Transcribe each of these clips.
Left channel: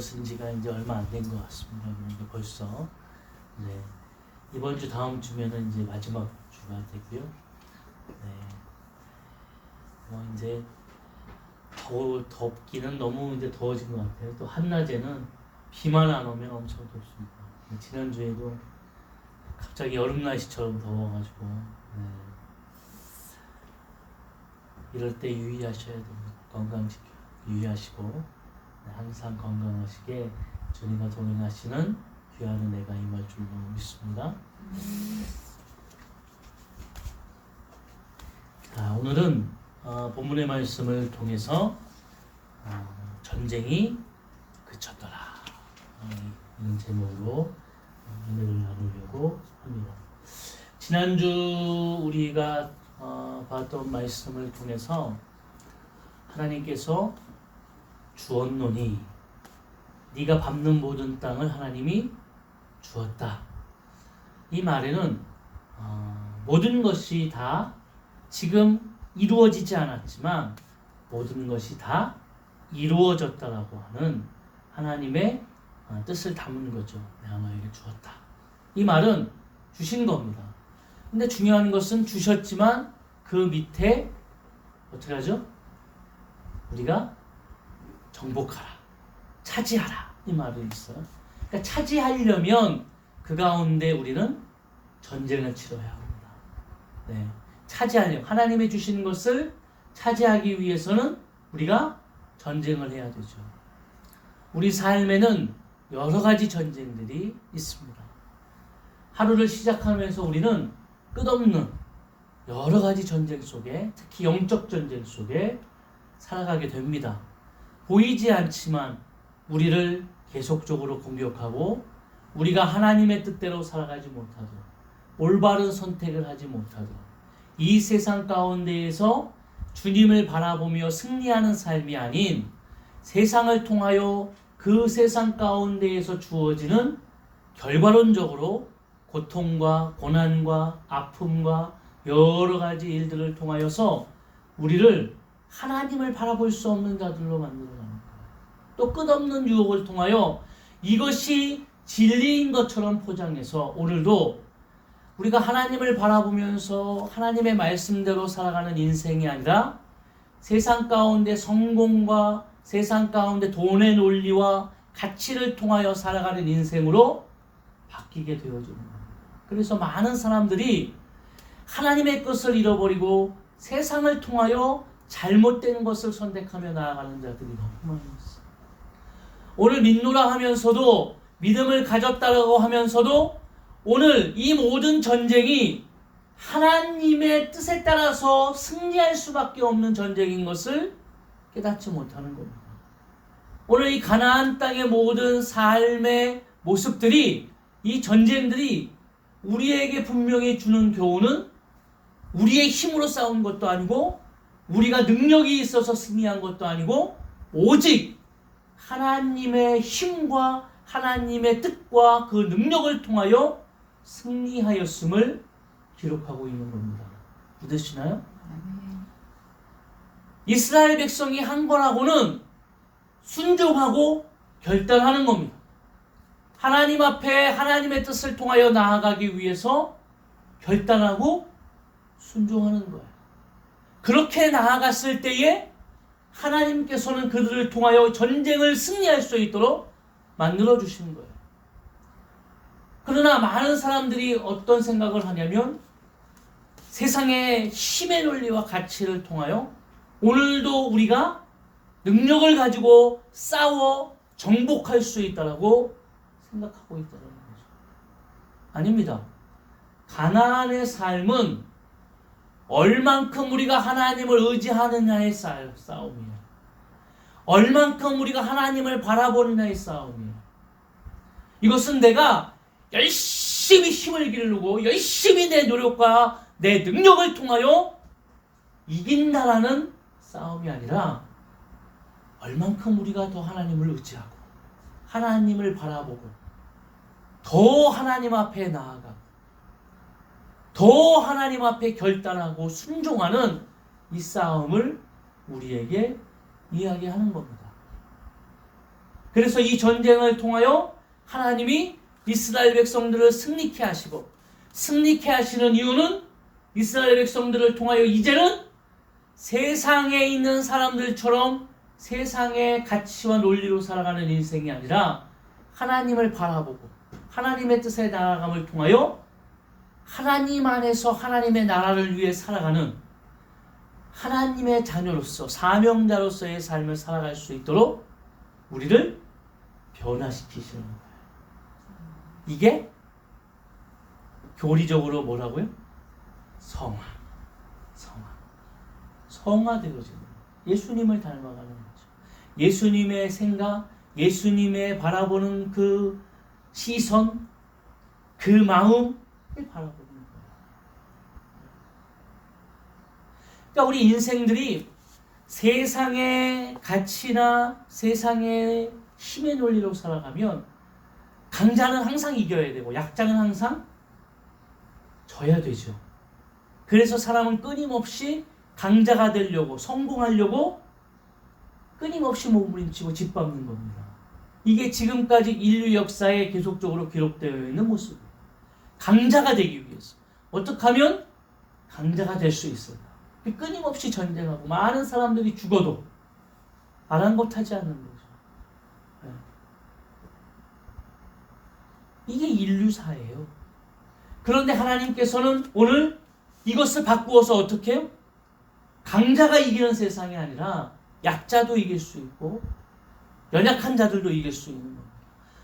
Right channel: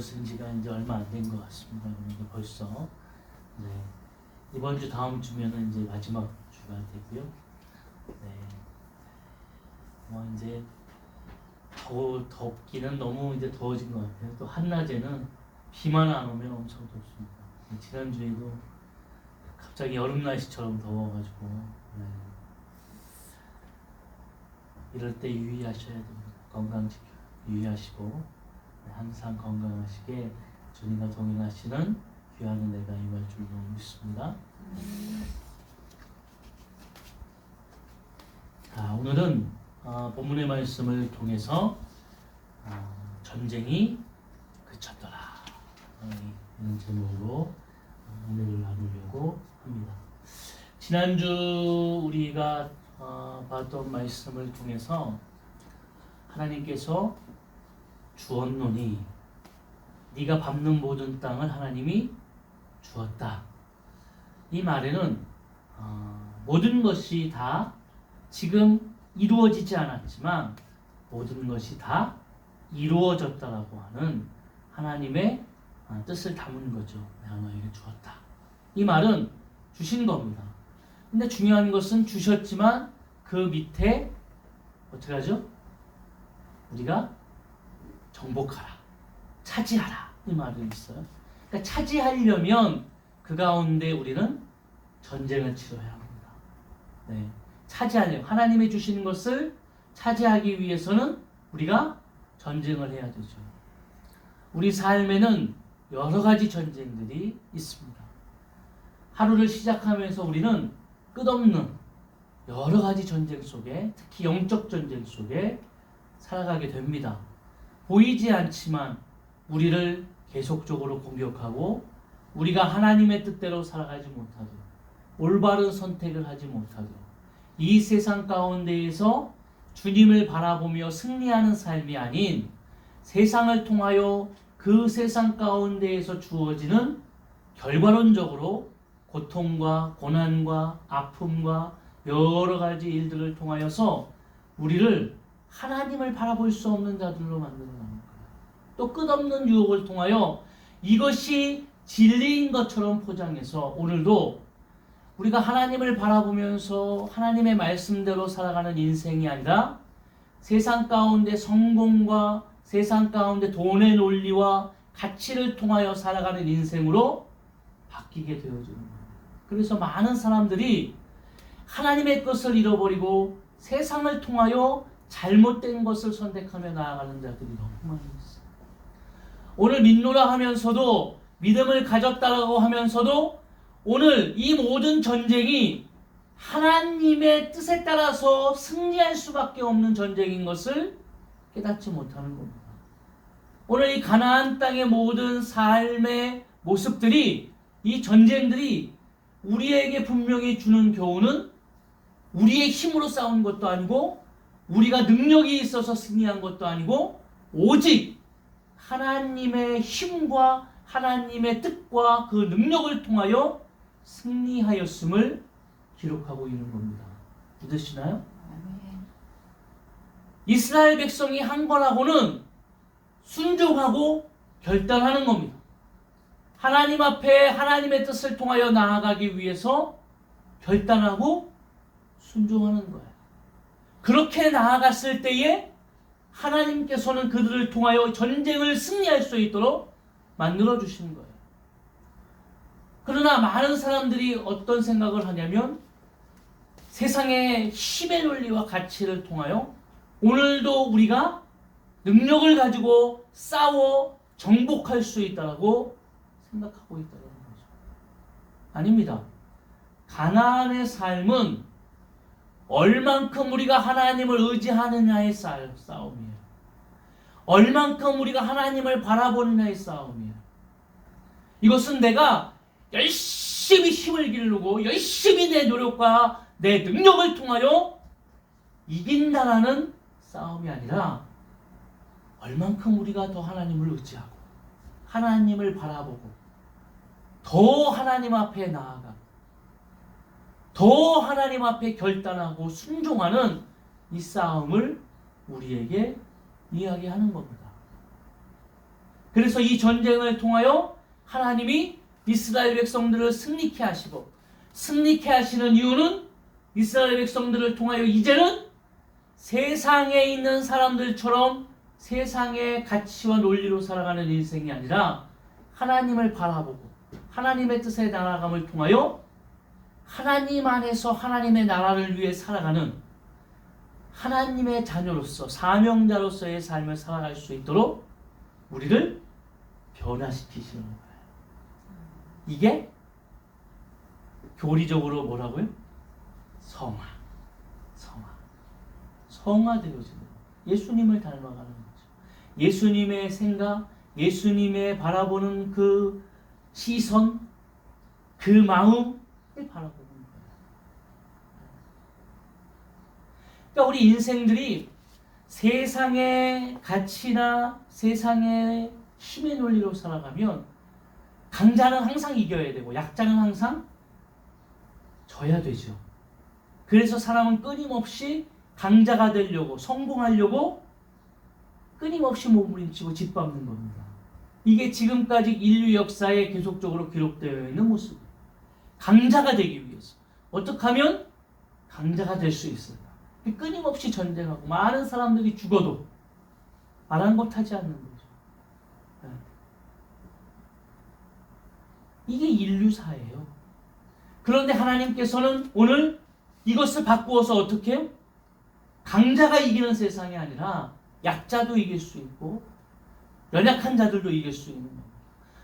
들어선 지가 이제 얼마 안 된 것 같습니다. 그러니까 벌써 이제 이번 주 다음 주면은 이제 마지막 주가 되고요. 네. 이제 덥기는 너무 이제 더워진 것 같아요. 또 한낮에는 비만 안 오면 엄청 덥습니다. 지난주에도 갑자기 여름 날씨처럼 더워가지고 네. 이럴 때 유의하셔야 됩니다. 건강 지켜 유의하시고 네, 항상 건강하시게 주님과 동행하시는 귀한 은혜가 임할 줄 믿습니다. 자, 오늘은 본문의 말씀을 통해서 전쟁이 그쳤더라 이런 제목으로 은혜를 나누려고 합니다. 지난주 우리가 봤던 말씀을 통해서 하나님께서 주었노니 네가 밟는 모든 땅을 하나님이 주었다. 이 말에는 모든 것이 다 지금 이루어지지 않았지만 모든 것이 다 이루어졌다라고 하는 하나님의 뜻을 담은 거죠. 내가 너에게 주었다. 이 말은 주신 겁니다. 근데 중요한 것은 주셨지만 그 밑에 어떻게 하죠? 우리가 정복하라, 차지하라 이 말이 있어요. 그러니까 차지하려면 그 가운데 우리는 전쟁을 치러야 합니다. 네, 차지하려면 하나님이 주신 것을 차지하기 위해서는 우리가 전쟁을 해야 되죠. 우리 삶에는 여러 가지 전쟁들이 있습니다. 하루를 시작하면서 우리는 끝없는 여러 가지 전쟁 속에, 특히 영적 전쟁 속에 살아가게 됩니다. 보이지 않지만 우리를 계속적으로 공격하고 우리가 하나님의 뜻대로 살아가지 못하도록, 올바른 선택을 하지 못하도록, 이 세상 가운데에서 주님을 바라보며 승리하는 삶이 아닌 세상을 통하여 그 세상 가운데에서 주어지는 결과론적으로 고통과 고난과 아픔과 여러 가지 일들을 통하여서 우리를 하나님을 바라볼 수 없는 자들로 만들어가는 거예요. 또 끝없는 유혹을 통하여 이것이 진리인 것처럼 포장해서 오늘도 우리가 하나님을 바라보면서 하나님의 말씀대로 살아가는 인생이 아니라 세상 가운데 성공과 세상 가운데 돈의 논리와 가치를 통하여 살아가는 인생으로 바뀌게 되어지는 겁니다. 그래서 많은 사람들이 하나님의 뜻을 잃어버리고 세상을 통하여 잘못된 것을 선택하며 나아가는 자들이 너무 많이 있어요. 오늘 믿노라 하면서도 믿음을 가졌다라고 하면서도 오늘 이 모든 전쟁이 하나님의 뜻에 따라서 승리할 수밖에 없는 전쟁인 것을 깨닫지 못하는 겁니다. 오늘 이 가나안 땅의 모든 삶의 모습들이, 이 전쟁들이 우리에게 분명히 주는 교훈은 우리의 힘으로 싸운 것도 아니고 우리가 능력이 있어서 승리한 것도 아니고 오직 하나님의 힘과 하나님의 뜻과 그 능력을 통하여 승리하였음을 기록하고 있는 겁니다. 믿으시나요? 이스라엘 백성이 한 거라고는 순종하고 결단하는 겁니다. 하나님 앞에 하나님의 뜻을 통하여 나아가기 위해서 결단하고 순종하는 거예요. 그렇게 나아갔을 때에 하나님께서는 그들을 통하여 전쟁을 승리할 수 있도록 만들어 주시는 거예요. 그러나 많은 사람들이 어떤 생각을 하냐면 세상의 힘의 논리와 가치를 통하여 오늘도 우리가 능력을 가지고 싸워 정복할 수 있다고 생각하고 있다는 거죠. 아닙니다. 가나안의 삶은 얼만큼 우리가 하나님을 의지하느냐의 싸움이에요. 얼만큼 우리가 하나님을 바라보느냐의 싸움이에요. 이것은 내가 열심히 힘을 기르고 열심히 내 노력과 내 능력을 통하여 이긴다라는 싸움이 아니라 얼만큼 우리가 더 하나님을 의지하고 하나님을 바라보고 더 하나님 앞에 나아가고 더 하나님 앞에 결단하고 순종하는 이 싸움을 우리에게 이야기하는 겁니다. 그래서 이 전쟁을 통하여 하나님이 이스라엘 백성들을 승리케 하시고, 승리케 하시는 이유는 이스라엘 백성들을 통하여 이제는 세상에 있는 사람들처럼 세상의 가치와 논리로 살아가는 인생이 아니라 하나님을 바라보고 하나님의 뜻에 나아감을 통하여 하나님 안에서 하나님의 나라를 위해 살아가는 하나님의 자녀로서 사명자로서의 삶을 살아갈 수 있도록 우리를 변화시키시는 거예요. 이게 교리적으로 뭐라고요? 성화되어지는 거예요. 예수님을 닮아가는 거죠. 예수님의 생각, 예수님의 바라보는 그 시선, 그 마음을 바라보는 거예요. 그러니까 우리 인생들이 세상의 가치나 세상의 힘의 논리로 살아가면 강자는 항상 이겨야 되고 약자는 항상 져야 되죠. 그래서 사람은 끊임없이 강자가 되려고, 성공하려고 끊임없이 몸부림치고 짓밟는 겁니다. 이게 지금까지 인류 역사에 계속적으로 기록되어 있는 모습이에요. 강자가 되기 위해서 어떻게 하면 강자가 될 수 있을까? 끊임없이 전쟁하고 많은 사람들이 죽어도 아랑곳하지 않는 거죠. 이게 인류사예요. 그런데 하나님께서는 오늘 이것을 바꾸어서 어떻게 해요? 강자가 이기는 세상이 아니라 약자도 이길 수 있고 연약한 자들도 이길 수 있는 겁니다.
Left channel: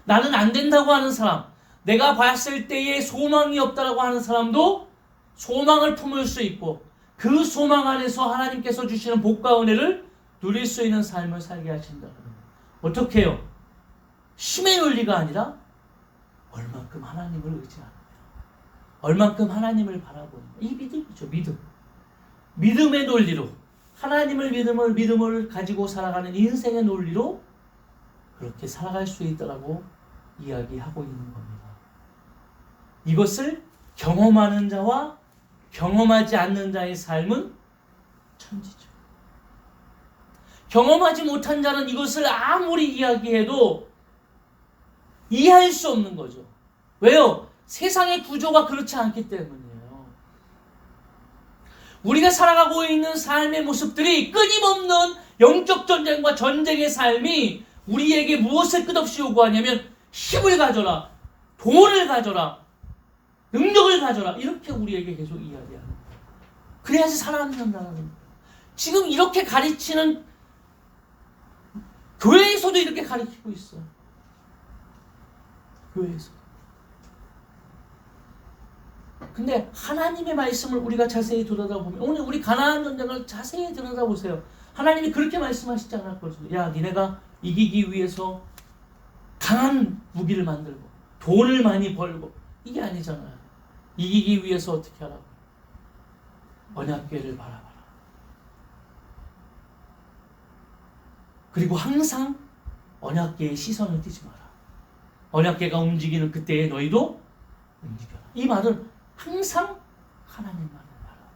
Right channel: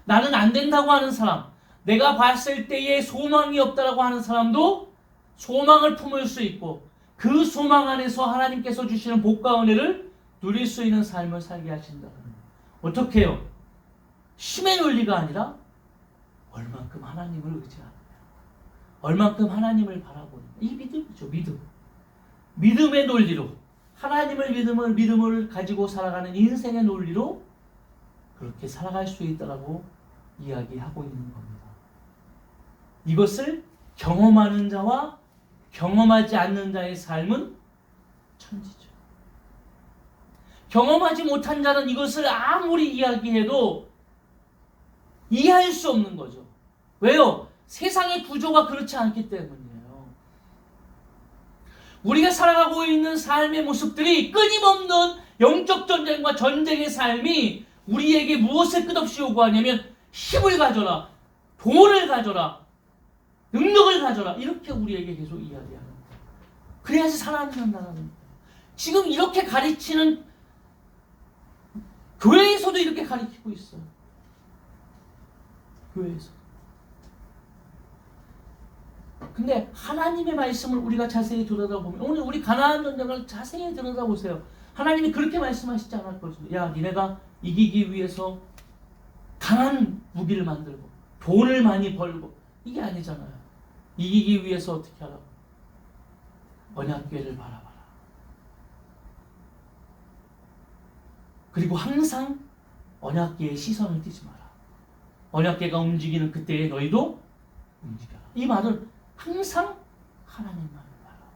나는 안 된다고 하는 사람, 내가 봤을 때에 소망이 없다라고 하는 사람도 소망을 품을 수 있고 그 소망 안에서 하나님께서 주시는 복과 은혜를 누릴 수 있는 삶을 살게 하신다. 어떻게 해요? 힘의 논리가 아니라 얼만큼 하나님을 의지하는 거예요. 얼만큼 하나님을 바라보는 거예요. 이 믿음이죠. 믿음의 논리로 하나님을 믿음을 가지고 살아가는 인생의 논리로 그렇게 살아갈 수 있다라고 이야기하고 있는 겁니다. 이것을 경험하는 자와 경험하지 않는 자의 삶은 천지죠. 경험하지 못한 자는 이것을 아무리 이야기해도 이해할 수 없는 거죠. 왜요? 세상의 구조가 그렇지 않기 때문이에요. 우리가 살아가고 있는 삶의 모습들이 끊임없는 영적 전쟁과 전쟁의 삶이 우리에게 무엇을 끝없이 요구하냐면 힘을 가져라, 돈을 가져라, 능력을 가져라, 이렇게 우리에게 계속 이야기하는 거예요. 그래야지 살아남는다는 거예요. 지금 이렇게 가르치는 교회에서도 이렇게 가르치고 있어요. 교회에서. 근데 하나님의 말씀을 우리가 자세히 들여다보면, 오늘 우리 가나안 전쟁을 자세히 들여다보세요. 하나님이 그렇게 말씀하시지 않았거든요. 야, 니네가 이기기 위해서 강한 무기를 만들고 돈을 많이 벌고, 이게 아니잖아요. 이기기 위해서 어떻게 하라고? 언약궤를 바라봐라. 그리고 항상 언약궤에 시선을 띄지 마라. 언약궤가 움직이는 그때에 너희도 움직여라. 이 말은 항상 하나님만을 바라봐라.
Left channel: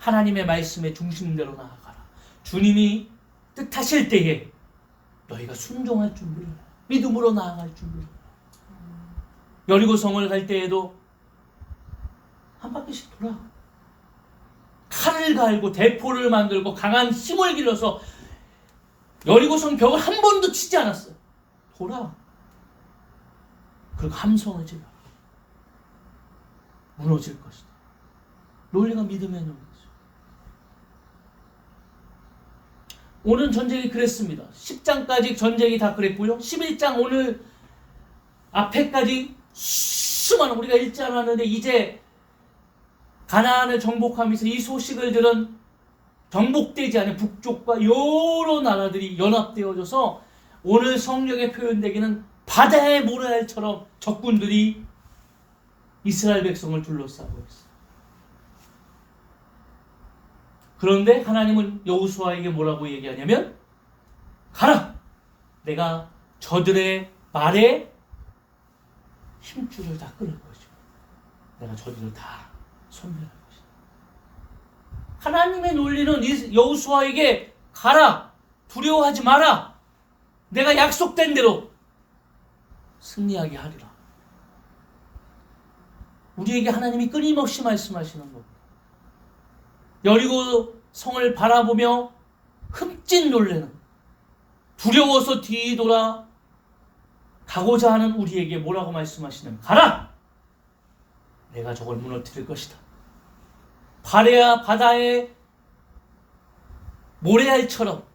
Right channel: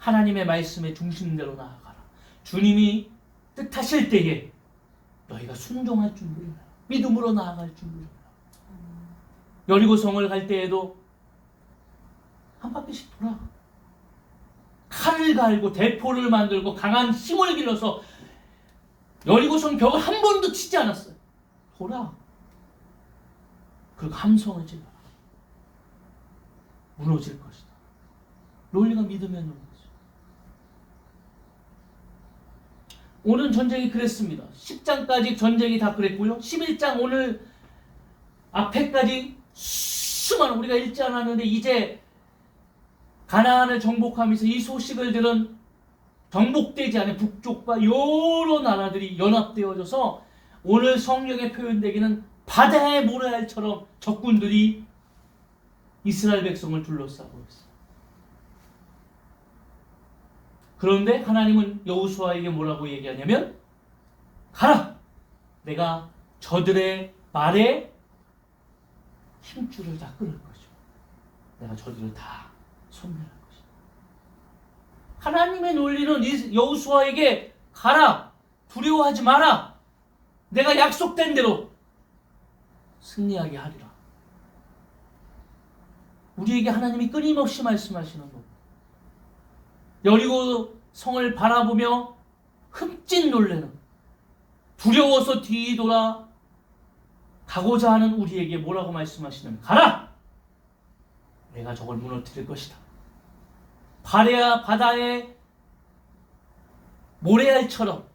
하나님의 말씀의 중심대로 나아가라. 주님이 뜻하실 때에 너희가 순종할 준비를 해라. 믿음으로 나아갈 준비를 해라. 여리고성을 갈 때에도 한 바퀴씩 돌아. 칼을 갈고 대포를 만들고 강한 힘을 길러서 여리고성 벽을 한 번도 치지 않았어요. 돌아. 그리고 함성을 질러. 무너질 것이다. 논리가 믿음의 논리죠. 오늘 전쟁이 그랬습니다. 10장까지 전쟁이 다 그랬고요. 11장 오늘 앞에까지 수많은, 우리가 읽지 않았는데 이제 가나안을 정복하면서 이 소식을 들은 정복되지 않은 북쪽과 여러 나라들이 연합되어져서 오늘 성경에 표현되기는 바다의 모래알처럼 적군들이 이스라엘 백성을 둘러싸고 있어요. 그런데 하나님은 여호수아에게 뭐라고 얘기하냐면, 가라! 내가 저들의 말에 힘줄을 다 끊을 것이고 내가 저들을 다 손멸할 것이다. 하나님의 논리는 여호수아에게 가라! 두려워하지 마라! 내가 약속된 대로 승리하게 하리라. 우리에게 하나님이 끊임없이 말씀하시는 겁니다. 여리고 성을 바라보며 흠칫 놀래는, 두려워서 뒤돌아 가고자 하는 우리에게 뭐라고 말씀하시냐면, 가라! 내가 저걸 무너뜨릴 것이다. 바다의 모래알처럼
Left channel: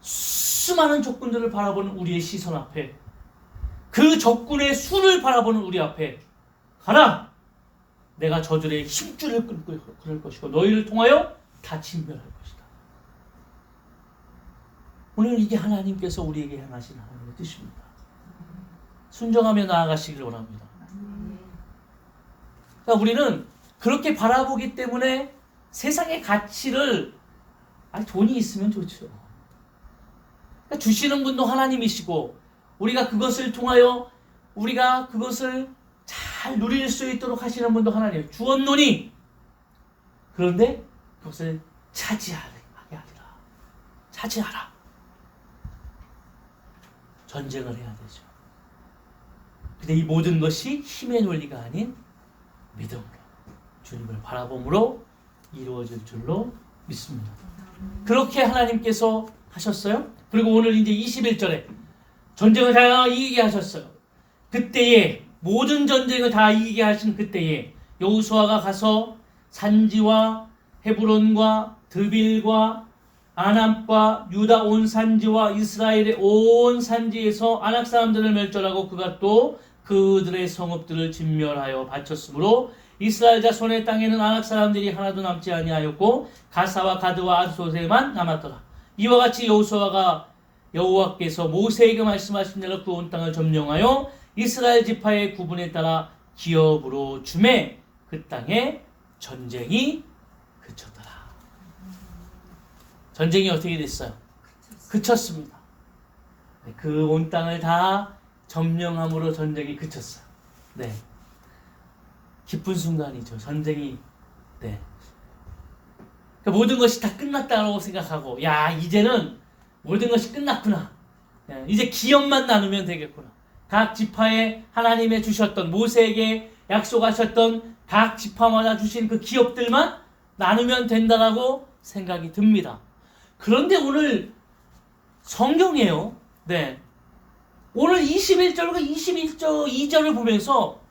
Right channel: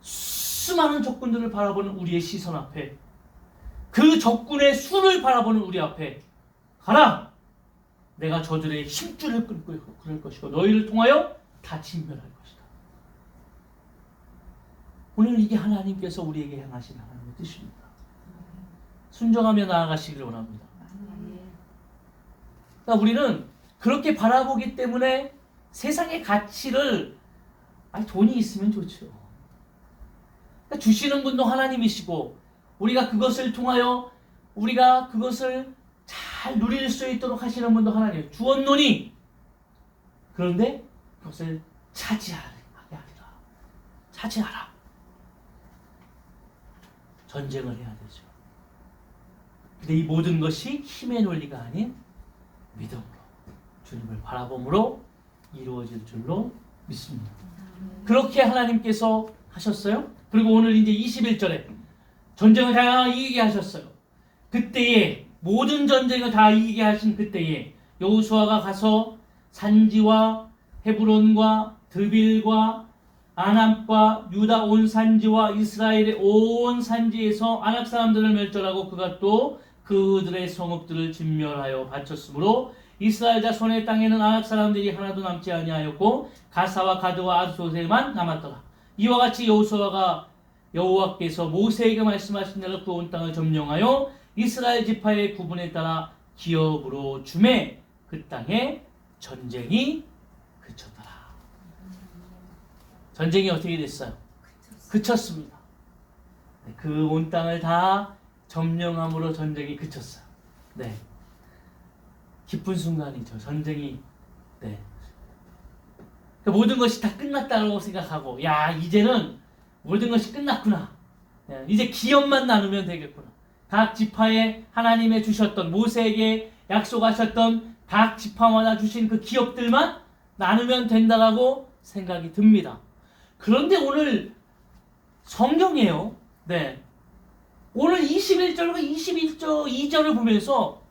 수많은 적군들을 바라보는 우리의 시선 앞에, 그 적군의 수를 바라보는 우리 앞에, 가라! 내가 저들의 힘줄을 끊고 그럴 것이고 너희를 통하여 다 진멸할 것이다. 오늘 이게 하나님께서 우리에게 행하신 하나님의 뜻입니다. 순종하며 나아가시기를 원합니다. 그러니까 우리는 그렇게 바라보기 때문에 세상의 가치를, 돈이 있으면 좋죠. 그러니까 주시는 분도 하나님이시고 우리가 그것을 통하여 우리가 그것을 잘 누릴 수 있도록 하시는 분도 하나님, 주었노니 그런데 그것을 차지하게 하리라. 차지하라. 전쟁을 해야 되죠. 근데 이 모든 것이 힘의 논리가 아닌 믿음으로, 주님을 바라봄으로 이루어질 줄로 믿습니다. 그렇게 하나님께서 하셨어요. 그리고 오늘 이제 21절에 전쟁을 다 이기게 하셨어요. 그때에 모든 전쟁을 다 이기게 하신 그때에 여호수아가 가서 산지와 헤브론과 드빌과 아남과 유다 온 산지와 이스라엘의 온 산지에서 아낙 사람들을 멸절하고 그가 또 그들의 성읍들을 진멸하여 바쳤으므로 이스라엘 자손의 땅에는 아낙 사람들이 하나도 남지 아니하였고 가사와 가드와 아스돗에만 남았더라. 이와 같이 여호수아가 여호와께서 모세에게 말씀하신 대로 그 온 땅을 점령하여 이스라엘 지파의 구분에 따라 기업으로 주매 그 땅에 전쟁이 그쳤더라. 전쟁이 어떻게 됐어요? 그쳤습니다. 그 온 땅을 다 점령함으로 전쟁이 그쳤어요. 네, 기쁜 순간이죠. 전쟁이. 네, 그러니까 모든 것이 다 끝났다고 생각하고, 야, 이제는 모든 것이 끝났구나. 이제 기업만 나누면 되겠구나. 각 지파에 하나님의 주셨던, 모세에게 약속하셨던 각 지파마다 주신 그 기업들만 나누면 된다라고 생각이 듭니다. 그런데 오늘 성경이에요. 네, 오늘 21절과 22절을 보면서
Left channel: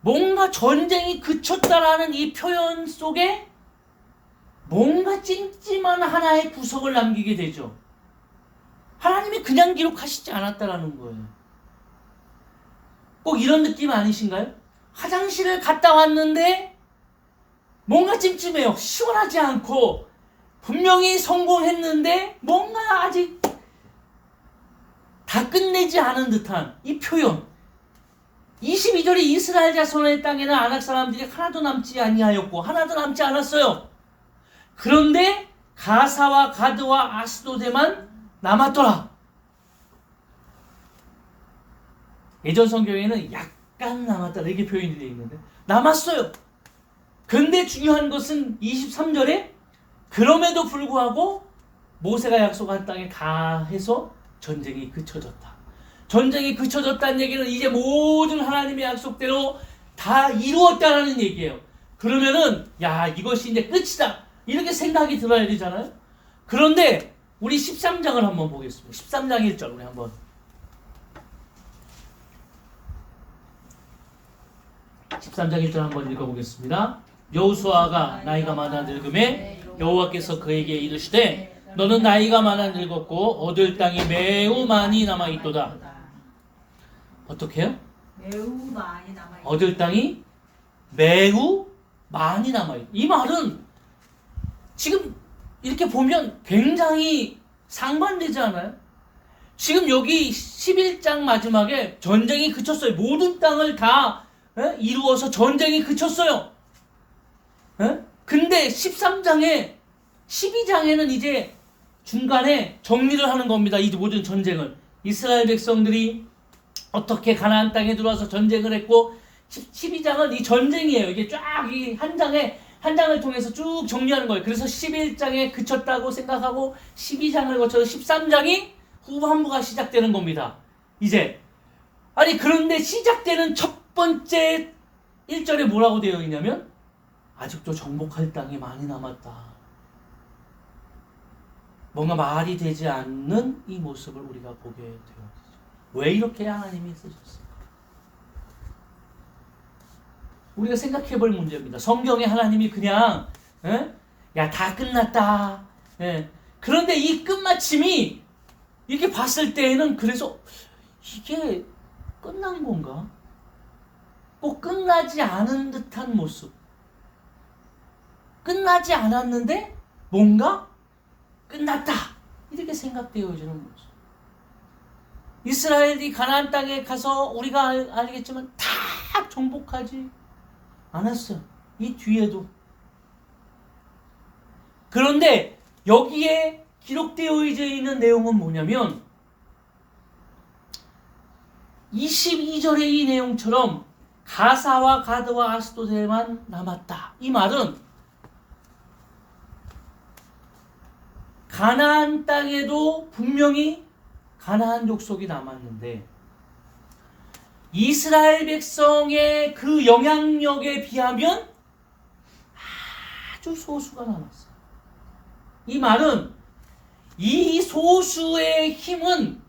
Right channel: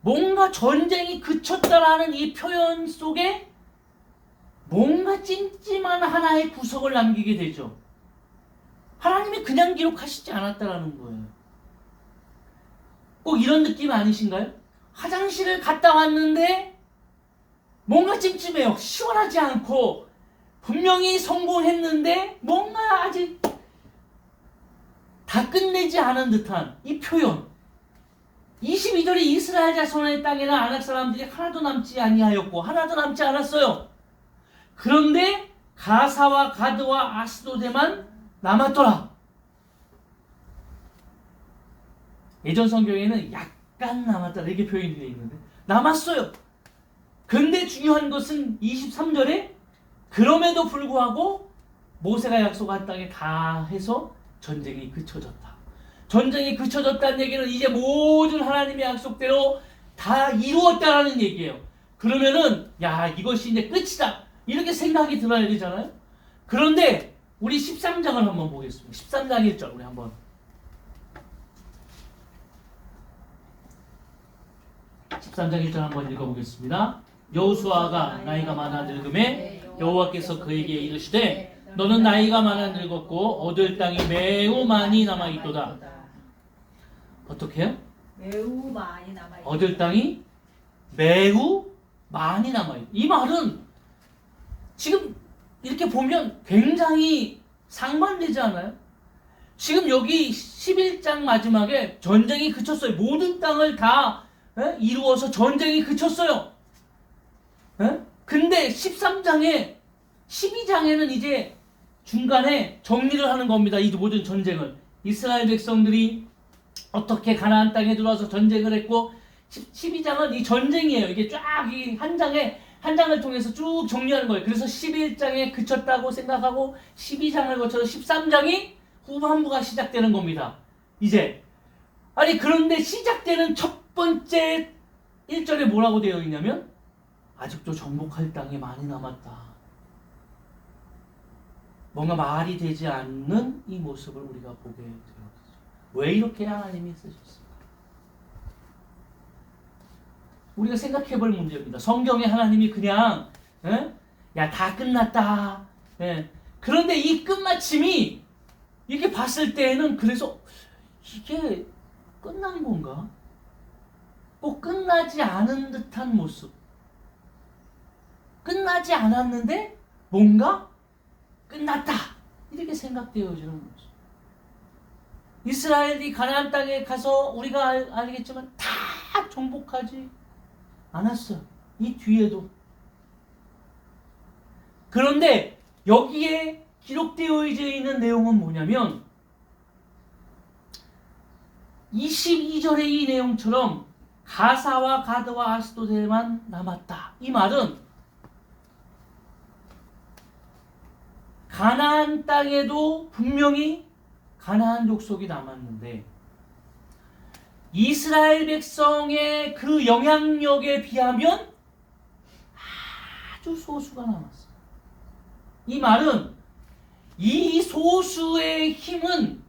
뭔가 전쟁이 그쳤다라는 이 표현 속에 뭔가 찜찜한 하나의 구석을 남기게 되죠. 하나님이 그냥 기록하시지 않았다라는 거예요. 꼭 이런 느낌 아니신가요? 화장실을 갔다 왔는데 뭔가 찜찜해요. 시원하지 않고 분명히 성공했는데 뭔가 아직 다 끝내지 않은 듯한 이 표현. 22절에 이스라엘 자손의 땅에는 아낙 사람들이 하나도 남지 아니하였고 하나도 남지 않았어요. 그런데 가사와 가드와 아스돗에만 남았더라. 예전 성경에는 약간 남았다 이렇게 표현이 되어 있는데 남았어요. 근데 중요한 것은 23절에 그럼에도 불구하고 모세가 약속한 땅에 다 해서 전쟁이 그쳐졌다. 전쟁이 그쳐졌다는 얘기는 이제 모든 하나님의 약속대로 다 이루었다라는 얘기예요. 그러면은 야, 이것이 이제 끝이다 이렇게 생각이 들어야 되잖아요. 그런데 우리 13장을 한번 보겠습니다. 13장 1절 우리 한번 13장 1절 한번 읽어보겠습니다. 여호수아가 나이가 많아 늙음에 여호와께서 그에게 이르시되 너는 나이가 많아 늙었고 얻을 땅이 매우 많이 남아있도다. 어떻게 해요? 매우 많이 남아있다. 얻을 땅이 매우 많이 남아있다. 이 말은 지금 이렇게 보면 굉장히 상반되지 않아요? 지금 여기 11장 마지막에 전쟁이 그쳤어요. 모든 땅을 다 이루어서 전쟁이 그쳤어요. 근데 13장에 12장에는 이제 중간에 정리를 하는 겁니다. 이 모든 전쟁을. 이스라엘 백성들이 어떻게 가나안 땅에 들어와서 전쟁을 했고 12장은 이 전쟁이에요. 이게 쫙 이 한 장을 통해서 쭉 정리하는 거예요. 그래서 11장에 그쳤다고 생각하고 12장을 거쳐서 13장이 후반부가 시작되는 겁니다. 이제 아니 그런데 시작되는 첫 번째 1절에 뭐라고 되어 있냐면 아직도 정복할 땅이 많이 남았다. 뭔가 말이 되지 않는 이 모습을 우리가 보게 되었죠. 왜 이렇게 하나님이 쓰셨을까? 우리가 생각해 볼 문제입니다. 성경에 하나님이 그냥 야, 다 끝났다. 예. 그런데 이 끝마침이 이렇게 봤을 때에는 그래서 이게 끝난 건가? 꼭 끝나지 않은 듯한 모습. 끝나지 않았는데 뭔가 끝났다. 이렇게 생각되어지는 모습. 이스라엘이 가나안 땅에 가서 우리가 알겠지만 다 정복하지 않았어요. 이 뒤에도. 그런데 여기에 기록되어 있는 내용은 뭐냐면 22절의 이 내용처럼 가사와 가드와 아스도데만 남았다. 이 말은 가나안 땅에도 분명히 가나안 족속이 남았는데 이스라엘 백성의 그 영향력에 비하면 아주 소수가 남았어요. 이 말은 이 소수의 힘은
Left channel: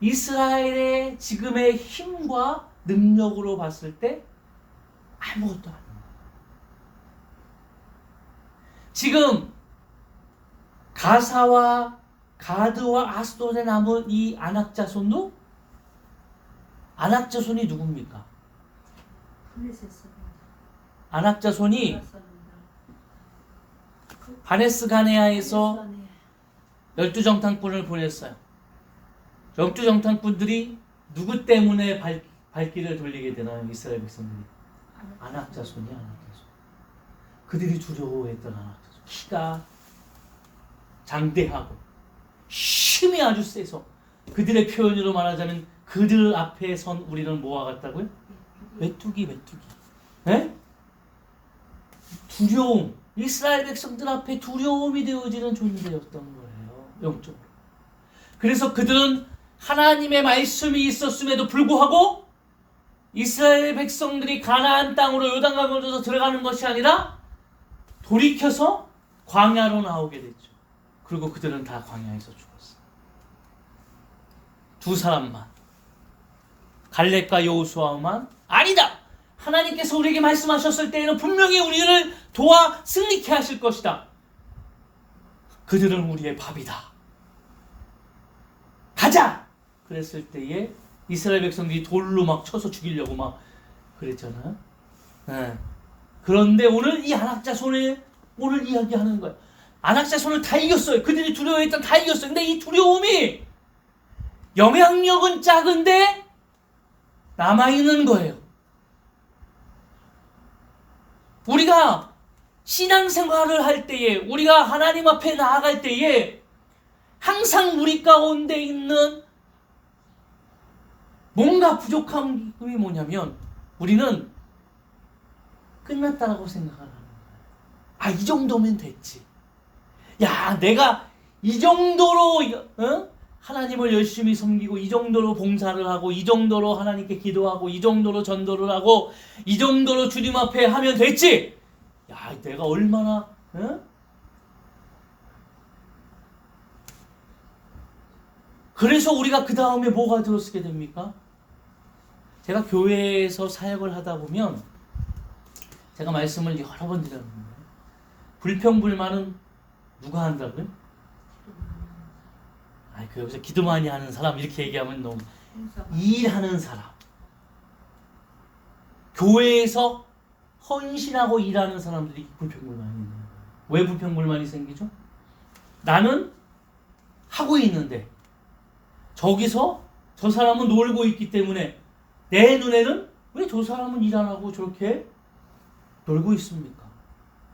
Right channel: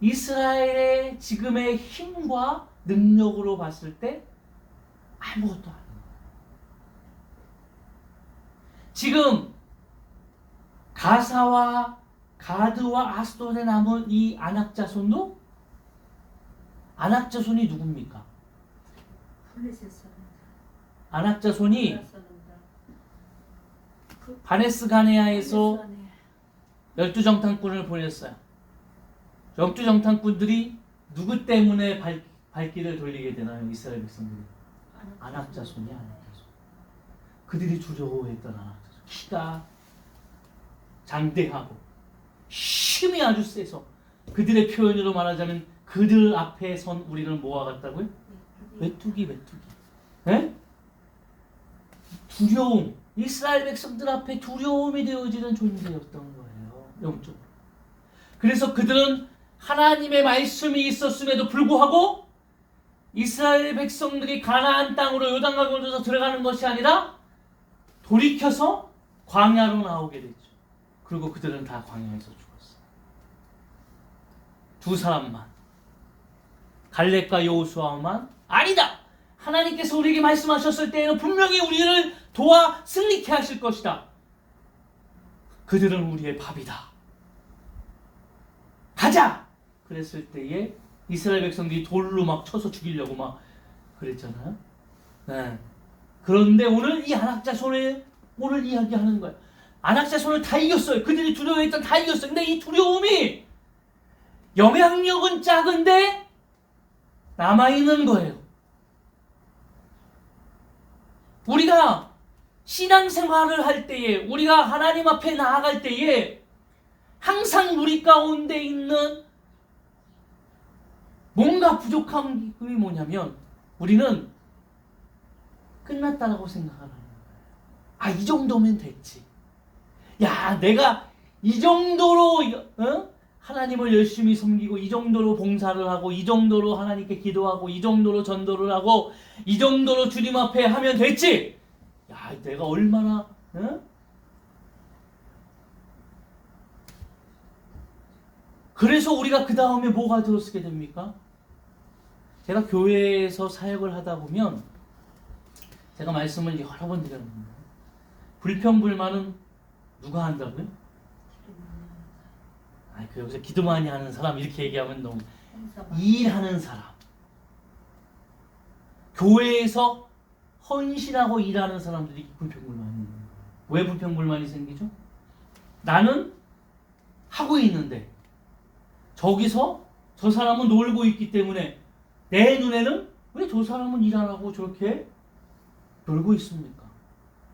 이스라엘의 지금의 힘과 능력으로 봤을 때 아무것도 아닙니다. 지금 가사와 가드와 아스돗에 남은 이 아낙 자손도 아낙 자손이 누굽니까? 아낙 자손이 바네스 가네아에서 12정탐꾼을 보냈어요. 12정탐꾼들이 누구 때문에 발길을 돌리게 되나요? 이스라엘 백성들이. 아낙 자손이 아낙 자손. 그들이 두려워했던 아낙 자손. 키가 장대하고 힘이 아주 세서 그들의 표현으로 말하자면 그들 앞에 선 우리는 뭐와 같다고요? 메뚜기. 네? 두려움. 이스라엘 백성들 앞에 두려움이 되어지는 존재였던 거예요. 영적으로. 그래서 그들은 하나님의 말씀이 있었음에도 불구하고 이스라엘 백성들이 가나안 땅으로 요단강으로 들어가는 것이 아니라 돌이켜서 광야로 나오게 됐죠. 그리고 그들은 다 광야에서 죽었어요. 두 사람만. 갈렙과 여호수아만 아니다. 하나님께서 우리에게 말씀하셨을 때에는 분명히 우리를 도와 승리케 하실 것이다. 그들은 우리의 밥이다. 가자! 그랬을 때에 이스라엘 백성들이 돌로 막 쳐서 죽이려고 막 그랬잖아요. 네. 그런데 오늘 이 아낙 자손을 오늘 이야기하는 거예요. 아낙 자손을 다 이겼어요. 그들이 두려워했던 다 이겼어요. 근데 이 두려움이 영향력은 작은데 남아있는 거예요. 우리가 신앙생활을 할 때에 우리가 하나님 앞에 나아갈 때에 항상 우리 가운데 있는 뭔가 부족함이 뭐냐면 우리는 끝났다라고 생각하는 거예요. 아, 이 정도면 됐지. 야, 내가 이 정도로 하나님을 열심히 섬기고 이 정도로 봉사를 하고 이 정도로 하나님께 기도하고 이 정도로 전도를 하고 이 정도로 주님 앞에 하면 됐지. 야, 내가 얼마나 그래서 우리가 그 다음에 뭐가 들었게 됩니까? 제가 교회에서 사역을 하다 보면 제가 말씀을 여러 번 드렸는데 불평불만은 누가 한다고요? 그 여기서 기도 많이 하는 사람 이렇게 얘기하면 너무 일하는 사람, 교회에서 헌신하고 일하는 사람들이 불평불만이 있는 거예요. 왜 불평불만이 생기죠? 나는 하고 있는데 저기서 저 사람은 놀고 있기 때문에 내 눈에는 왜 저 사람은 일 안 하고 저렇게 놀고 있습니까?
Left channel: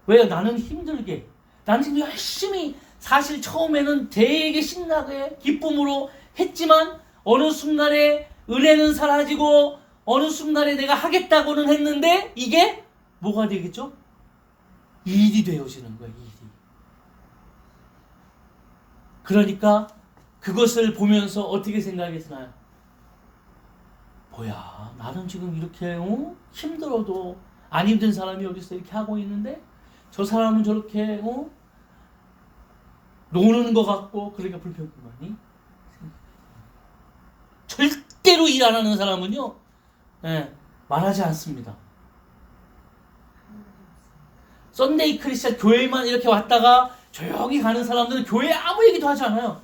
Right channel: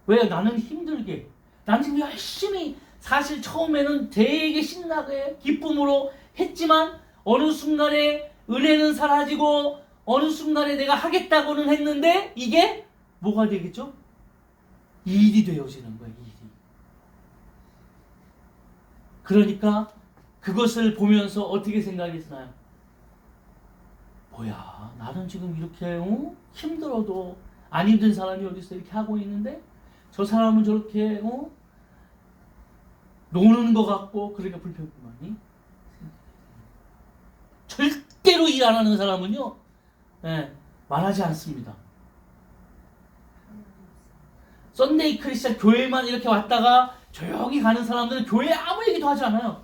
왜 나는 힘들게, 나는 지금 열심히 사실 처음에는 되게 신나게 기쁨으로 했지만 어느 순간에 은혜는 사라지고 어느 순간에 내가 하겠다고는 했는데 이게 뭐가 되겠죠? 일이 되어지는 거예요. 일이. 그러니까 그것을 보면서 어떻게 생각이 드나요? 뭐야, 나는 지금 이렇게 힘들어도 안 힘든 사람이 어디서 이렇게 하고 있는데 저 사람은 저렇게 노는 것 같고 그러니까 불평불만이. 절대로 일 안 하는 사람은요, 말하지 않습니다. 썬데이 크리스찬 교회만 이렇게 왔다가 조용히 가는 사람들은 교회 아무 얘기도 하지 않아요.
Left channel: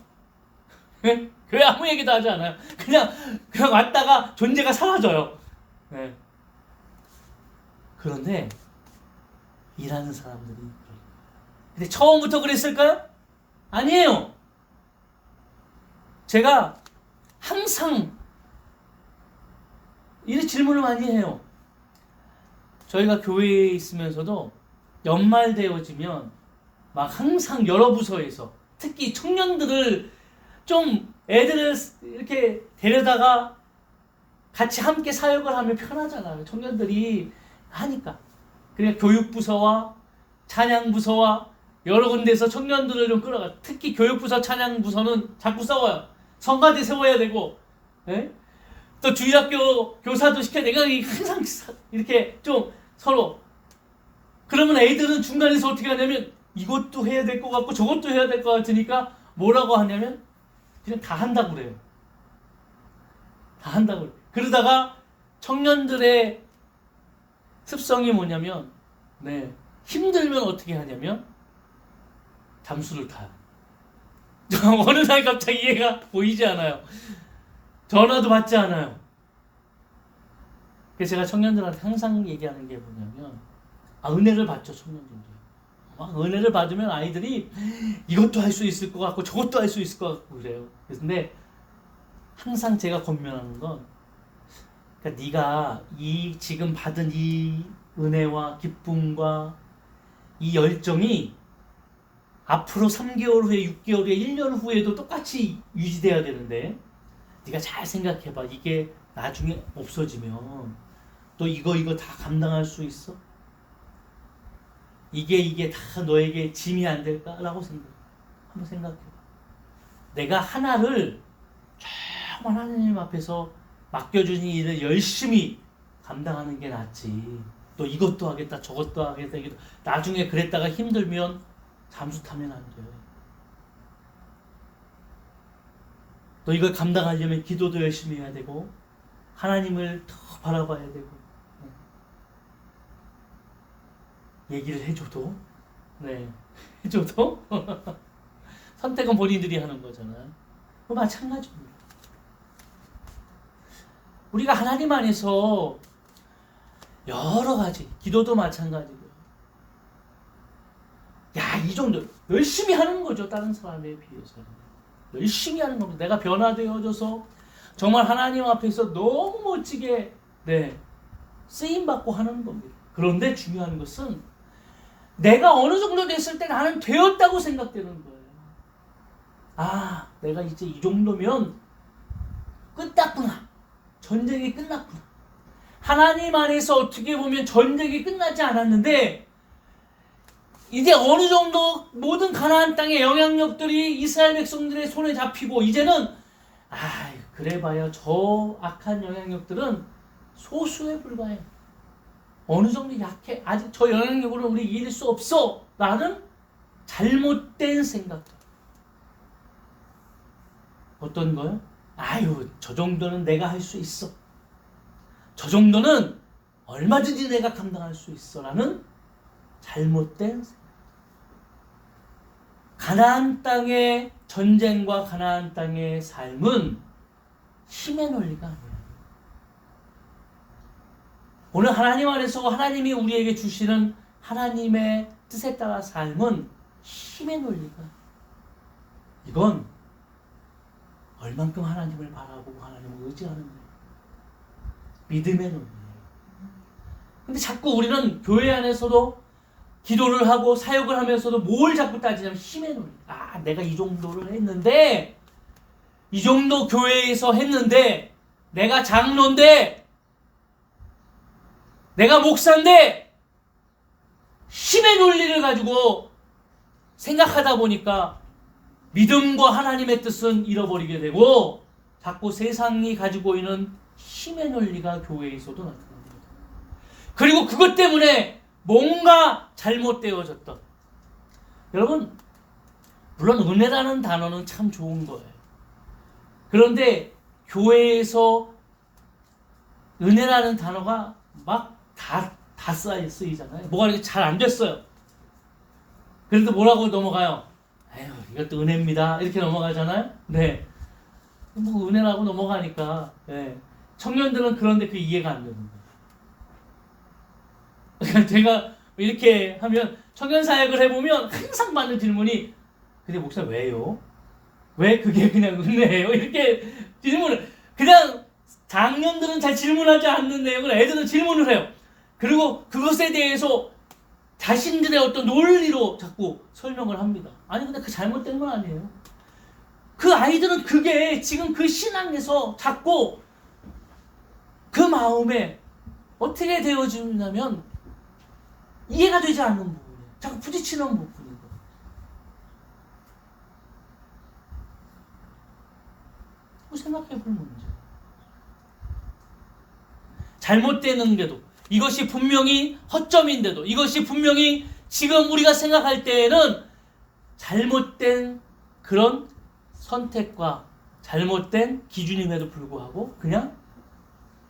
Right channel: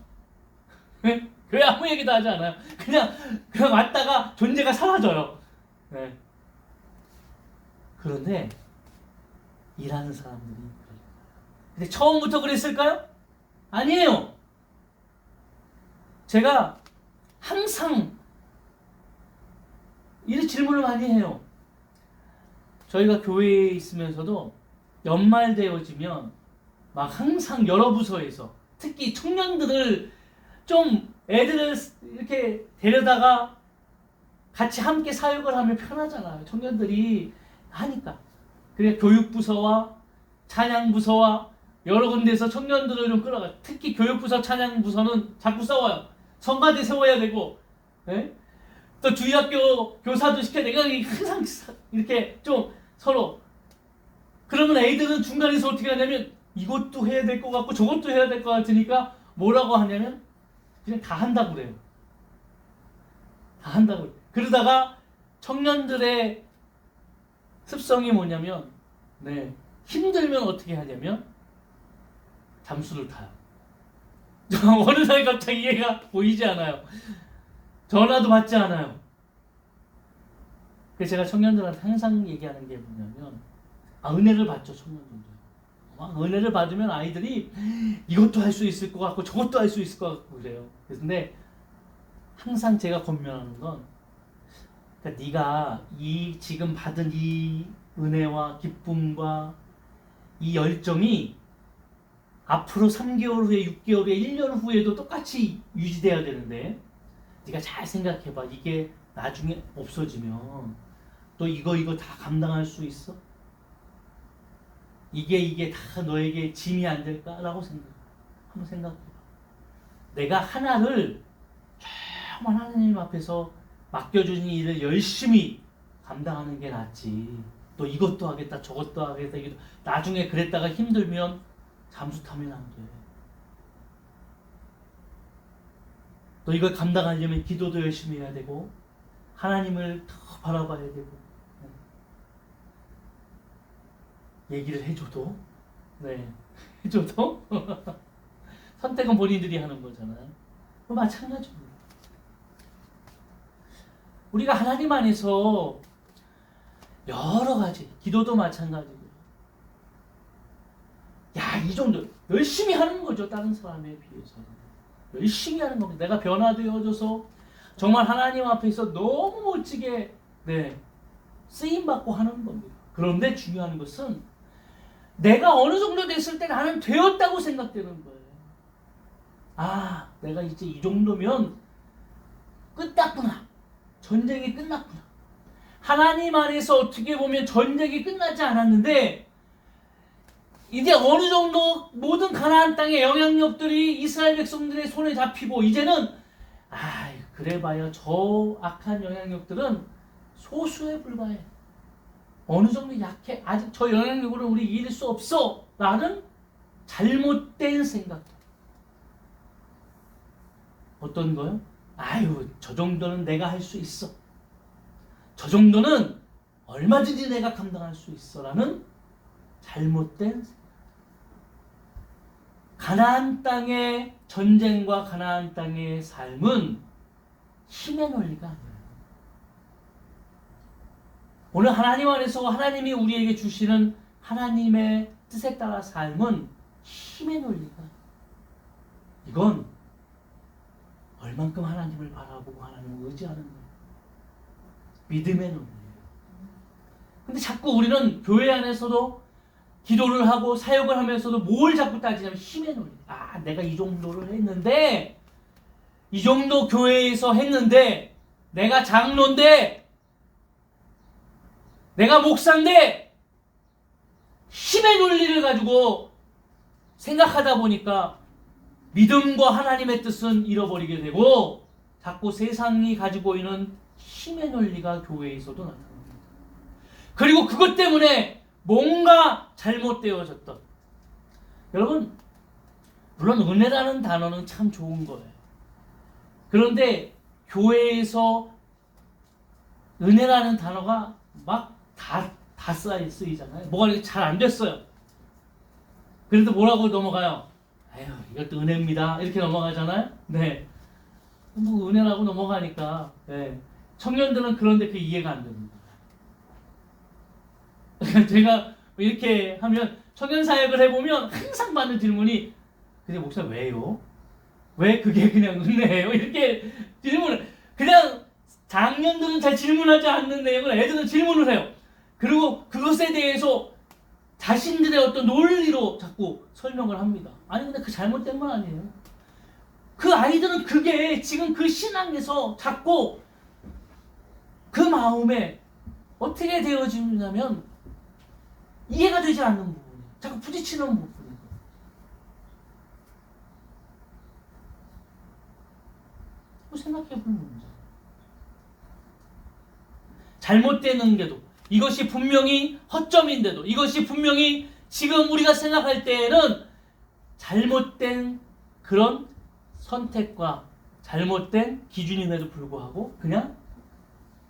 교회 아무 얘기도 하지 않아요. 그냥 왔다가 존재가 사라져요. 그런데 일하는 사람들이 그럴 거예요. 근데 처음부터 그랬을까요? 아니에요. 제가 항상 이런 질문을 많이 해요. 저희가 교회에 있으면서도 연말 되어지면 막 항상 여러 부서에서 특히 청년들을 좀 애들을 이렇게 데려다가 같이 함께 사역을 하면 편하잖아요. 청년들이 하니까. 그러니까 교육부서와 찬양부서와 여러 군데에서 청년들을 좀 끌어가. 특히 교육부서 찬양부서는 자꾸 싸워요. 성가대 세워야 되고, 또 주일학교 교사도 시켜야 되고, 항상 이렇게 좀 서로. 그러면 애들은 중간에서 어떻게 하냐면 이것도 해야 될 것 같고 저것도 해야 될 것 같으니까 뭐라고 하냐면 그냥 다 한다고 그래요. 다 한다고 그래요. 그러다가 청년들의 습성이 뭐냐면 힘들면 어떻게 하냐면 잠수를 타요. 어느 날 갑자기 얘가 보이지 않아요. 전화도 받지 않아요. 그래서 제가 청년들한테 항상 얘기하는 게 뭐냐면 은혜를 받죠. 청년들도. 은혜를 받으면 아이들이 이것도 할 수 있을 것 같고 저것도 할 수 있을 것 같고 그래요. 근데 항상 제가 권면하는 건 그러니까 네가 이 지금 받은 이 은혜와 기쁨과 이 열정이 앞으로 3개월 후에 6개월 후에 1년 후에도 똑같이 유지돼야 되는데 네가 잘 생각해봐. 이게 나중에 없어지면 또 이거 다 감당할 수 있어? 이게 다 너에게 짐이 안 될까라고 한번 생각해봐. 내가 하나를 정말 하나님 앞에서 맡겨주신 일을 열심히 감당하는 게 낫지. 또 이것도 하겠다 저것도 하겠다. 나중에 그랬다가 힘들면 잠수 타면 안 돼. 또 이걸 감당하려면 기도도 열심히 해야 되고 하나님을 더 바라봐야 되고 얘기를 해줘도 해줘도 선택은 본인들이 하는 거잖아요. 마찬가지입니다. 우리가 하나님 안에서 여러 가지 기도도 마찬가지고요. 이 정도 열심히 하는 거죠. 다른 사람에 비해서는 열심히 하는 겁니다. 내가 변화되어져서 정말 하나님 앞에서 너무 멋지게 쓰임 받고 하는 겁니다. 그런데 중요한 것은 내가 어느 정도 됐을 때 나는 되었다고 생각되는 거예요. 내가 이제 이 정도면 끝났구나. 전쟁이 끝났구나. 하나님 안에서 어떻게 보면 전쟁이 끝나지 않았는데 이제 어느 정도 모든 가나안 땅의 영향력들이 이스라엘 백성들의 손에 잡히고 이제는 그래봐야 저 악한 영향력들은 소수에 불과해. 어느 정도 약해. 아직 저 영향력으로 우리 이길 수 없어. 라는 잘못된 생각. 어떤 거요? 저 정도는 내가 할 수 있어. 저 정도는 얼마든지 내가 감당할 수 있어. 라는 잘못된 생각. 가나안 땅의 전쟁과 가나안 땅의 삶은 힘의 논리가 아니에요. 오늘 하나님 안에서 하나님이 우리에게 주시는 하나님의 뜻에 따라 삶은 힘의 논리가 이건 얼만큼 하나님을 바라보고 하나님을 의지하는 거예요. 믿음의 논리예요. 근데 자꾸 우리는 교회 안에서도 기도를 하고 사역을 하면서도 뭘 자꾸 따지냐면 힘의 논리. 내가 이 정도를 했는데 이 정도 교회에서 했는데 내가 장로인데 내가 목사인데 힘의 논리를 가지고 생각하다 보니까 믿음과 하나님의 뜻은 잃어버리게 되고 자꾸 세상이 가지고 있는 힘의 논리가 교회에서도 나타납니다. 그리고 그것 때문에 뭔가 잘못되어졌던, 여러분 물론 은혜라는 단어는 참 좋은 거예요. 그런데 교회에서 은혜라는 단어가 막 다 쓰이잖아요. 뭐가 이렇게 잘 안 됐어요. 그래도 뭐라고 넘어가요? 아유, 이것도 은혜입니다. 이렇게 넘어가잖아요. 네. 뭐 은혜라고 넘어가니까. 네. 청년들은 그런데 그 이해가 안 됩니다. 제가 이렇게 하면 청년 사역을 해보면 항상 받는 질문이, 근데 목사님 왜요? 왜 그게 그냥 은혜예요? 이렇게 질문을, 그냥 장년들은 잘 질문하지 않는 내용을 애들은 질문을 해요. 그리고 그것에 대해서 자신들의 어떤 논리로 자꾸 설명을 합니다. 아니 근데 그 잘못된 건 아니에요. 그 아이들은 그게 지금 그 신앙에서 자꾸 그 마음에 어떻게 되어지냐면 이해가 되지 않는 부분이에요. 자꾸 부딪히는 부분이에요. 생각해 볼 문제. 잘못되는데도, 이것이 분명히 허점인데도, 이것이 분명히 지금 우리가 생각할 때에는 잘못된 그런 선택과 잘못된 기준임에도 불구하고 그냥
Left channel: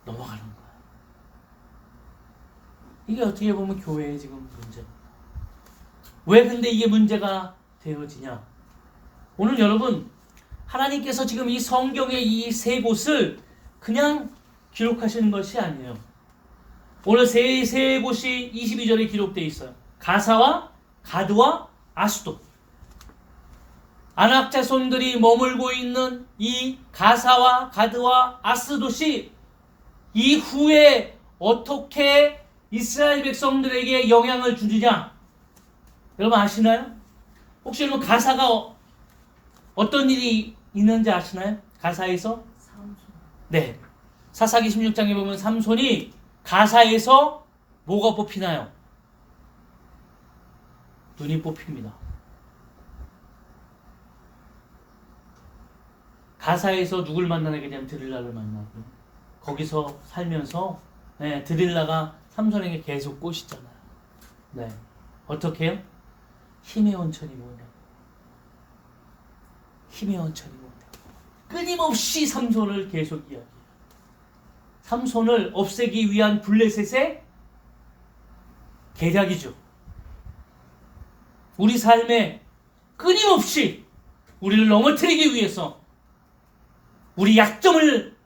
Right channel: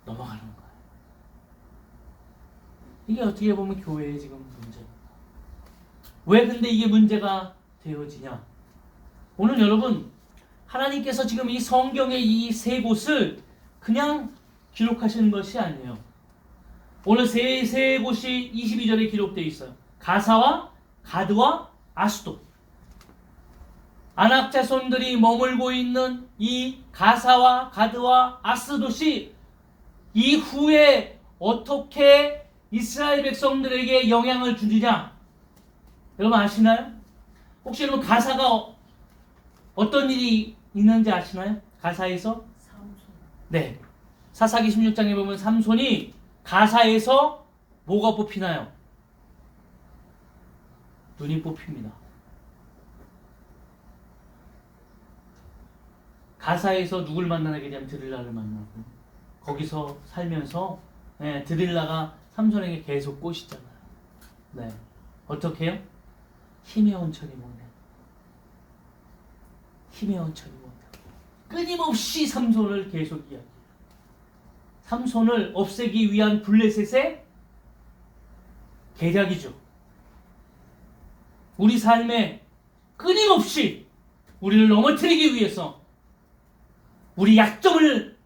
넘어가는 거예요. 이게 어떻게 보면 교회의 지금 문제입니다. 왜 근데 이게 문제가 되어지냐? 오늘 여러분, 하나님께서 지금 이 성경의 이 세 곳을 그냥 기록하시는 것이 아니에요. 오늘 세 곳이 22절에 기록되어 있어요. 가사와 가드와 아스돗. 아낙 자손들이 머물고 있는 이 가사와 가드와 아스돗이 이후에 어떻게 이스라엘 백성들에게 영향을 주느냐? 여러분 아시나요? 혹시 여러분 가사가 어떤 일이 있는지 아시나요? 가사에서? 삼손. 네. 사사기 16장에 보면 삼손이 가사에서 뭐가 뽑히나요? 눈이 뽑힙니다. 가사에서 누굴 만나게 되면 드릴라를 만나고, 거기서 살면서 드릴라가 삼손에게 계속 꼬시잖아요. 네. 어떻게 해요? 힘의 원천이 뭐냐? 힘의 원천이 뭐냐? 끊임없이 삼손을 계속 이야기해요. 삼손을 없애기 위한 블레셋의 계략이죠. 우리 삶에 끊임없이 우리를 넘어뜨리기 위해서 우리 약점을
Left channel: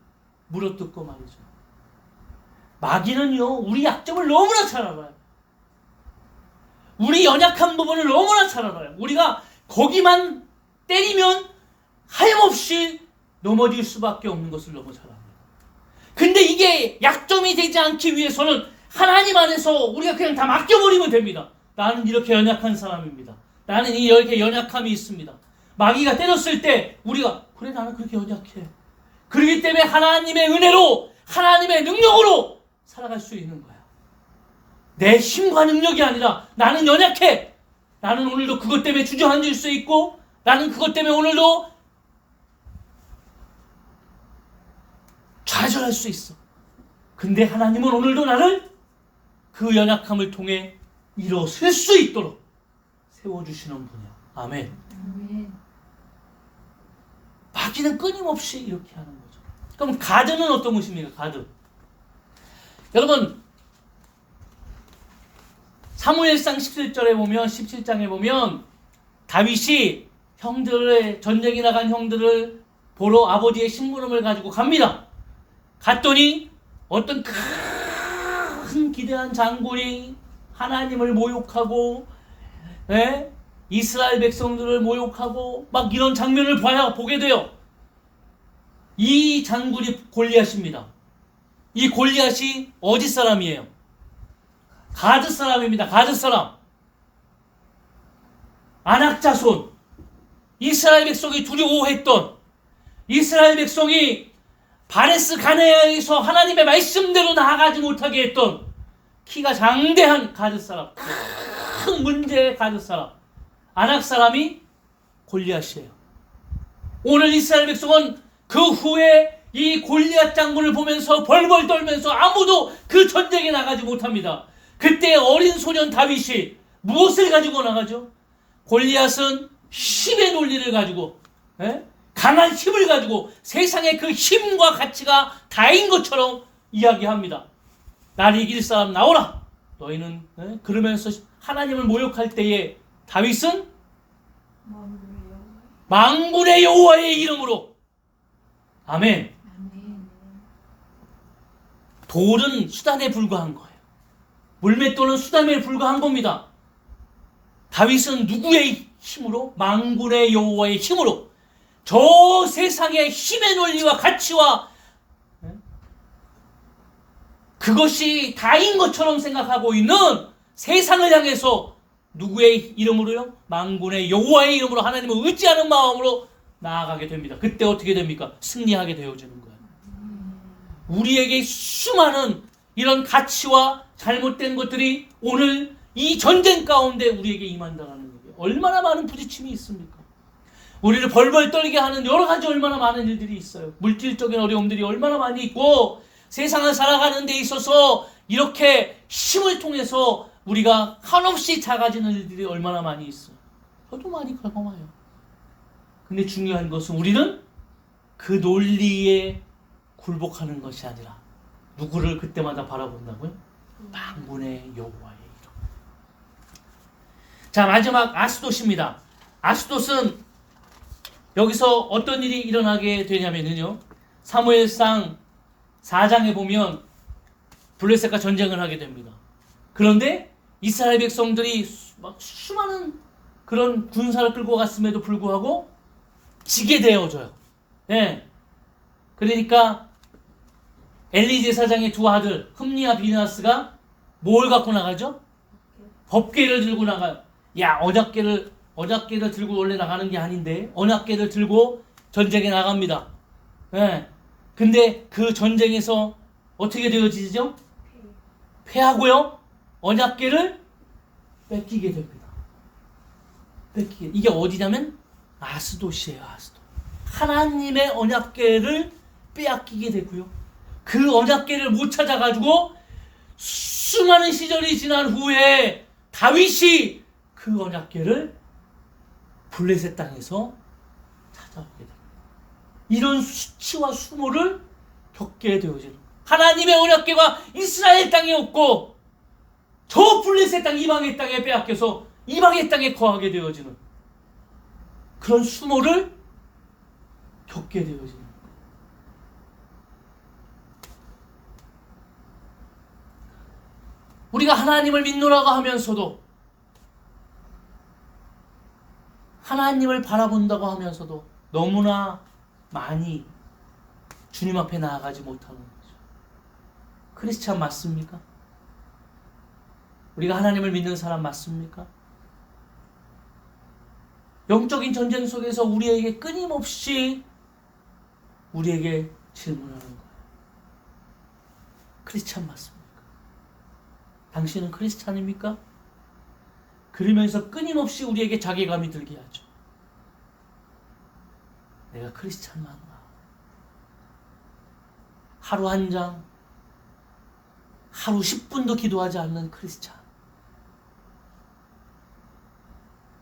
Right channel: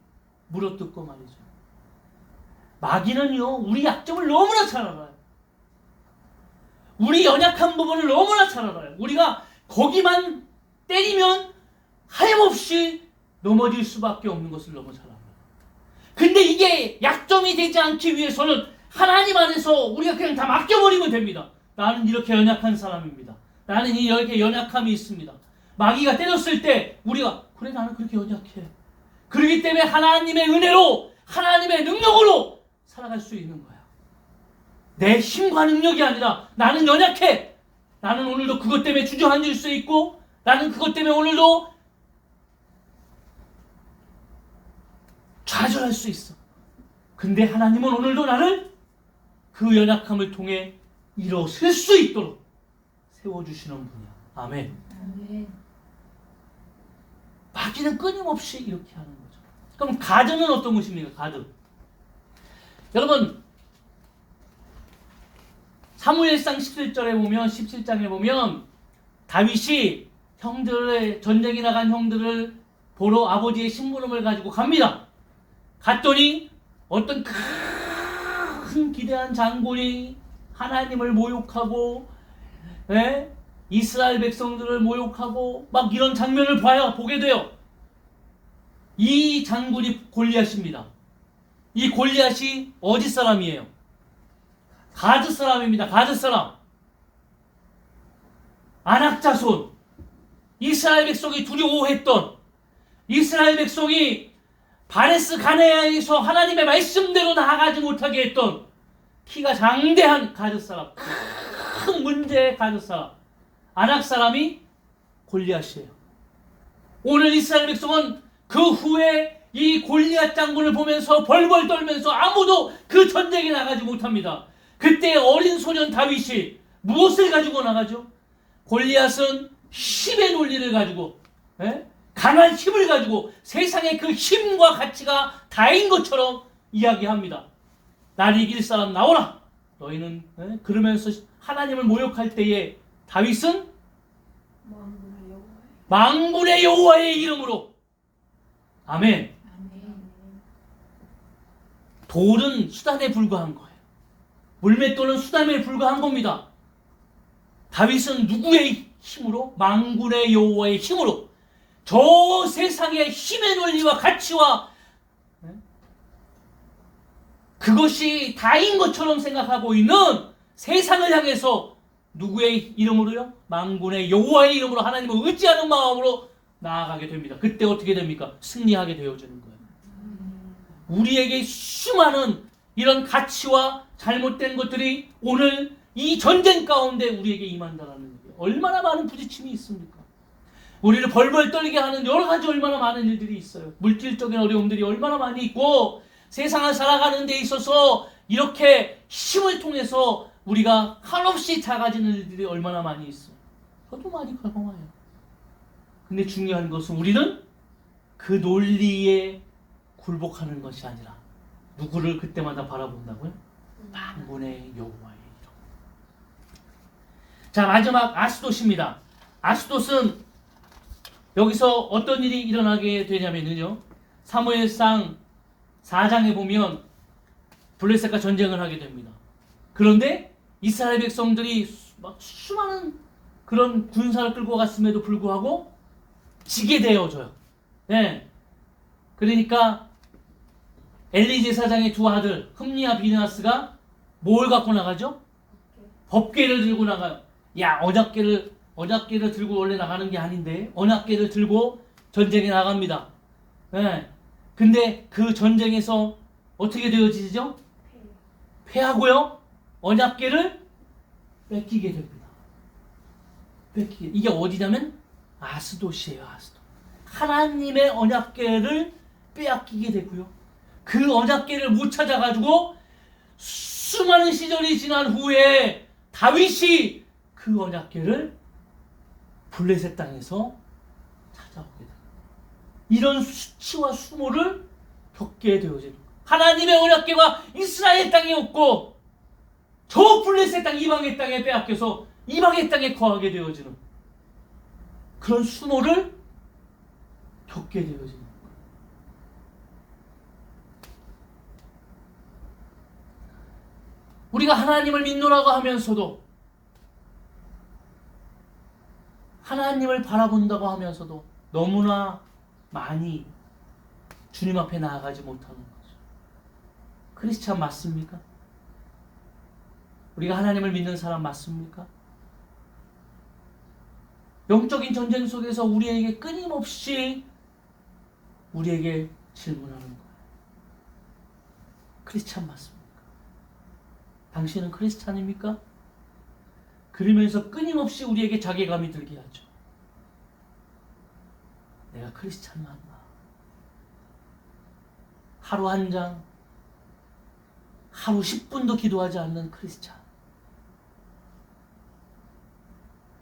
물어뜯고 말이죠. 마귀는요, 우리 약점을 너무나 잘 알아요. 우리 연약한 부분을 너무나 잘 알아요. 우리가 거기만 때리면 하염없이 넘어질 수밖에 없는 것을 너무 잘 압니다. 근데 이게 약점이 되지 않기 위해서는 하나님 안에서 우리가 그냥 다 맡겨버리면 됩니다. 나는 이렇게 연약한 사람입니다. 나는 이렇게 연약함이 있습니다. 마귀가 때렸을 때 우리가, 그래 나는 그렇게 연약해. 그렇기 때문에 하나님의 은혜로, 하나님의 능력으로 살아갈 수 있는 거예요. 내 힘과 능력이 아니라 나는 연약해. 나는 오늘도 그것 때문에 주저앉을 수 있고, 나는 그것 때문에 오늘도 좌절할 수 있어. 근데 하나님은 오늘도 나를 그 연약함을 통해 일어설 수 있도록 세워주시는 분이야. 아멘. 아멘. 마귀는 끊임없이 이렇게 하는 거죠. 그럼 가드는 어떤 것입니까? 가드. 여러분, 사무엘상 17절에 보면, 17장에 보면 다윗이 형들의 전쟁에 나간 형들을 보러 아버지의 심부름을 가지고 갑니다. 갔더니 어떤 큰 기대한 장군이 하나님을 모욕하고, 이스라엘 백성들을 모욕하고 막 이런 장면을 보게 돼요. 이 장군이 골리앗입니다. 이 골리앗이 어디 사람이에요? 가드 사람입니다. 가드 사람. 아낙 자손. 이스라엘 백성이 두려워했던, 이스라엘 백성이 바레스 가네에서 하나님의 말씀대로 나아가지 못하게 했던 키가 장대한 가드 사람, 큰 문제의 가드 사람, 아낙 사람이 골리앗이에요. 오늘 이스라엘 백성은 그 후에 이 골리앗 장군을 보면서 벌벌 떨면서 아무도 그 전쟁에 나가지 못합니다. 그때 어린 소년 다윗이 무엇을 가지고 나가죠? 골리앗은 힘의 논리를 가지고, 강한 힘을 가지고 세상의 그 힘과 가치가 다인 것처럼 이야기합니다. 날 이길 사람 나오라. 너희는 그러면서 하나님을 모욕할 때에 다윗은 만군의 여호와의 이름으로, 아멘. 돌은 수단에 불과한 거예요. 물맷돌은 수단에 불과한 겁니다. 다윗은 누구의 힘으로? 만군의 여호와의 힘으로, 저 세상의 힘의 논리와 가치와 그것이 다인 것처럼 생각하고 있는 세상을 향해서 누구의 이름으로요? 만군의 여호와의 이름으로 하나님을 의지하는 마음으로 나아가게 됩니다. 그때 어떻게 됩니까? 승리하게 되어지는 거예요. 우리에게 수많은 이런 가치와 잘못된 것들이 오늘 이 전쟁 가운데 우리에게 임한다는 얘기예요. 얼마나 많은 부딪힘이 있습니까? 우리를 벌벌 떨게 하는 여러 가지 얼마나 많은 일들이 있어요. 물질적인 어려움들이 얼마나 많이 있고, 세상을 살아가는 데 있어서 이렇게 힘을 통해서 우리가 한없이 작아지는 일들이 얼마나 많이 있어요. 저도 많이 경험해요. 근데 중요한 것은 우리는 그 논리에 굴복하는 것이 아니라 누구를 그때마다 바라본다고요? 만군의 여호와의 이름. 자, 마지막 아스돗입니다. 아스돗은 여기서 어떤 일이 일어나게 되냐면요, 사무엘상 4장에 보면 블레셋과 전쟁을 하게 됩니다. 그런데 이스라엘 백성들이 막 수많은 그런 군사를 끌고 갔음에도 불구하고 지게 되어져요. 네. 그러니까 엘리 제사장의 두 아들 흠니와 비나스가 뭘 갖고 나가죠? 법궤를 들고 나가요. 야, 언약궤를 들고 원래 나가는 게 아닌데 언약궤를 들고 전쟁에 나갑니다. 네. 근데 그 전쟁에서 어떻게 되어지죠? 패하고요, 언약궤를 뺏기게 됩니다. 이게 어디냐면 아스돗이에요. 아스돗. 하나님의 언약궤를 빼앗기게 되고요, 그 언약궤를 못 찾아가지고 수많은 시절이 지난 후에 다윗이 그 언약궤를 블레셋 땅에서 찾아오게 됩니다. 이런 수치와 수모를 겪게 되어지는, 하나님의 언약궤가 이스라엘 땅에 없고 저 블레셋 땅 이방의 땅에 빼앗겨서 이방의 땅에 거하게 되어지는 그런 수모를 겪게 되어지는. 우리가 하나님을 믿노라고 하면서도, 하나님을 바라본다고 하면서도 너무나 많이 주님 앞에 나아가지 못하는 거죠. 크리스찬 맞습니까? 우리가 하나님을 믿는 사람 맞습니까? 영적인 전쟁 속에서 우리에게 끊임없이 우리에게 질문하는 거예요. 크리스찬 맞습니까? 당신은 크리스찬입니까? 그러면서 끊임없이 우리에게 자괴감이 들게 하죠. 내가 크리스찬 맞나? 하루 한 장, 하루 10분도 기도하지 않는 크리스찬.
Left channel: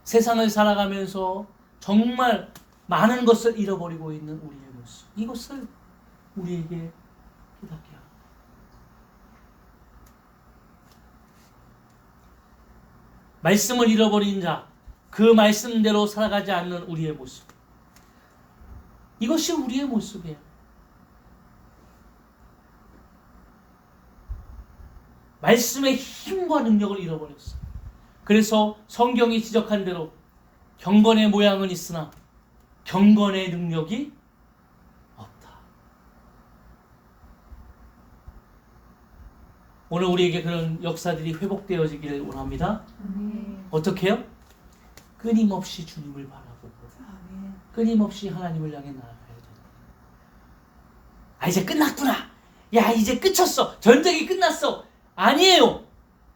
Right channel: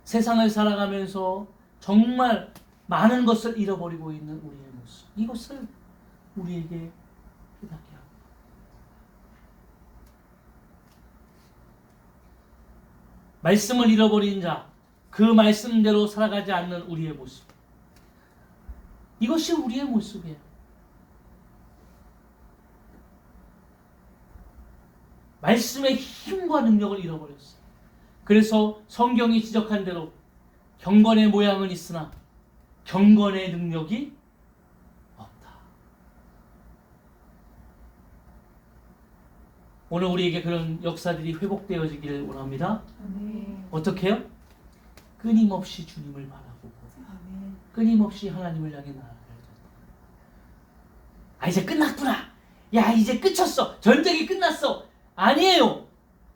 세상을 살아가면서 정말 많은 것을 잃어버리고 있는 우리의 모습. 이것을 우리에게 깨닫게 합니다. 말씀을 잃어버린 자, 그 말씀대로 살아가지 않는 우리의 모습. 이것이 우리의 모습이에요. 말씀의 힘과 능력을 잃어버렸어요. 그래서 성경이 지적한 대로 경건의 모양은 있으나 경건의 능력이 없다. 오늘 우리에게 그런 역사들이 회복되어지기를 원합니다. 어떻게요? 끊임없이 주님을 바라보고 끊임없이 하나님을 향해 나아가야 된다. 아, 이제 끝났구나. 야, 이제 끝쳤어. 전쟁이 끝났어. 아니에요.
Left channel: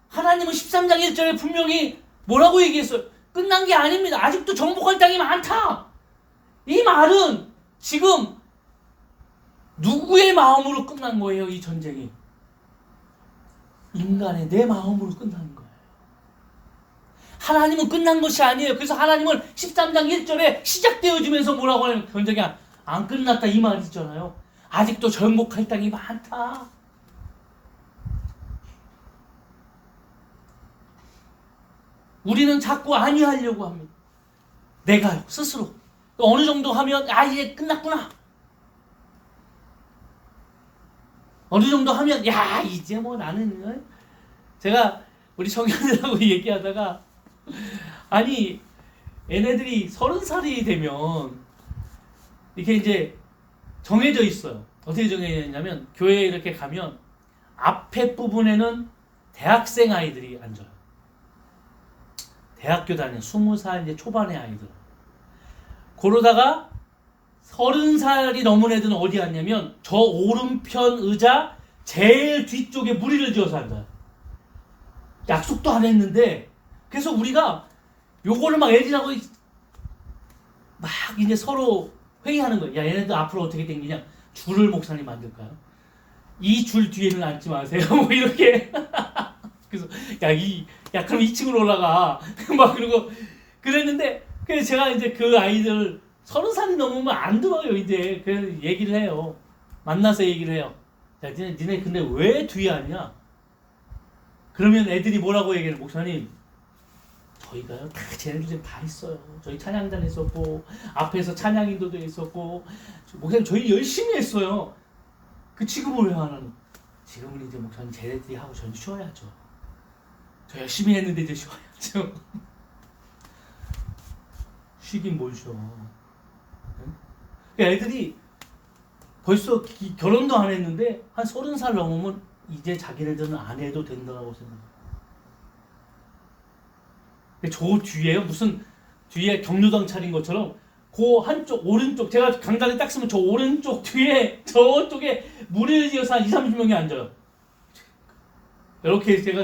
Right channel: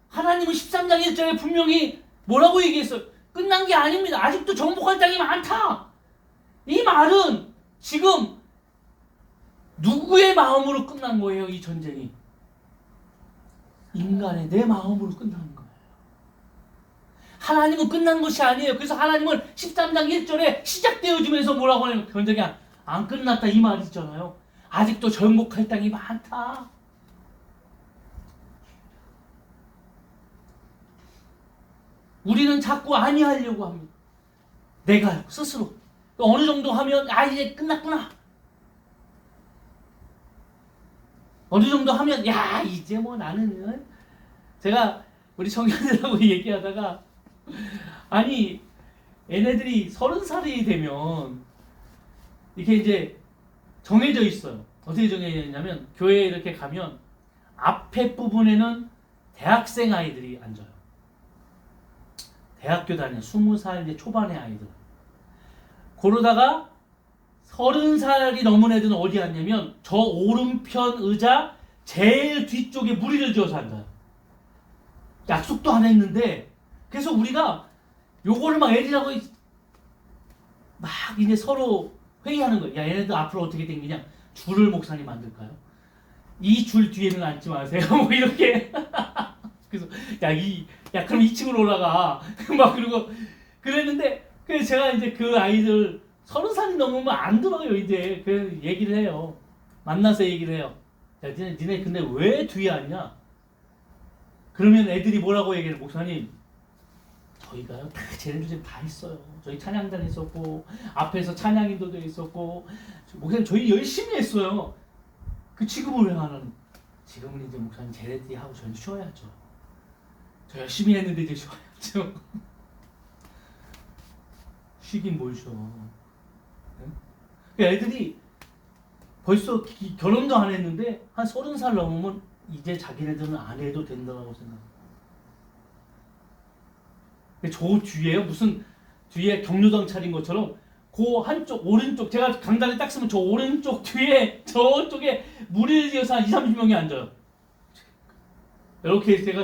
하나님은 13장 1절에 분명히 뭐라고 얘기했어요? 끝난 게 아닙니다. 아직도 정복할 땅이 많다. 이 말은 지금 누구의 마음으로 끝난 거예요? 이 전쟁이 인간의 내 마음으로 끝난 거예요. 하나님은 끝난 것이 아니에요. 그래서 하나님은 13장 1절에 시작되어지면서 뭐라고 하냐면 전쟁이 안 끝났다 이 말이 있잖아요. 아직도 정복할 땅이 많다. 우리는 자꾸 아니하려고 합니다. 내가 스스로 또 어느 정도 하면 이제 끝났구나. 어느 정도 하면 이제 뭐 나는 제가 우리 청년들하고 얘기하다가 아니 얘네들이 30살이 되면 이렇게 이제 정해져 있어요. 어떻게 정해져 있냐면 교회에 이렇게 가면 앞에 부분에는 대학생 아이들이 앉아요. 대학교 다니는 20살 이제 초반의 아이들. 그러다가 30살이 넘은 애들은 어디 앉냐면 저 오른편 의자 제일 뒤쪽에 무리를 지어서 앉아요. 약속도 안 했는데 그래서 우리가 요거를 막 애들하고 막 이제 서로 회의하는 거예요. 야 얘네들 앞으로 어떻게 당기냐. 줄을 목사님 만들까요? 이 줄 뒤에는 앉지 마세요. 뭐 이렇게. 그래서 그럼 2층으로 올라가. 막 그러고 그랬는데 그래서 제가 이제 그 아이들 30살이 넘으면 안 들어요. 이제 그 얘기를 해요. 만나서 얘기를 해요. 야 니네 근데 왜 뒤에 앉냐? 그러면 애들이 뭐라고 얘기해요? 목사님 저희가요 쟤네들 다 있어요. 저희 찬양단 있었고 앞에서 찬양인도도 있었고 목사님 저희 열심히 했어요. 그 지금은 왜 안 하는? 지금은 이제 목사님 쟤네들이 하고 저는 쉬어야죠. 저 열심히 했는데 이제 쉬어야죠. 쉬긴 뭘 쉬어. 애들이 벌써 결혼도 안 했는데 한 30살 넘으면 이제 자기네들은 안 해도 된다고 생각해요. 저 뒤에요 무슨 뒤에 경로당 차린 것처럼 그 한쪽 오른쪽 제가 강단에 딱 쓰면 저 오른쪽 뒤에 저쪽에 무리를 지어서 한 20-30명이 앉아요. 이렇게 제가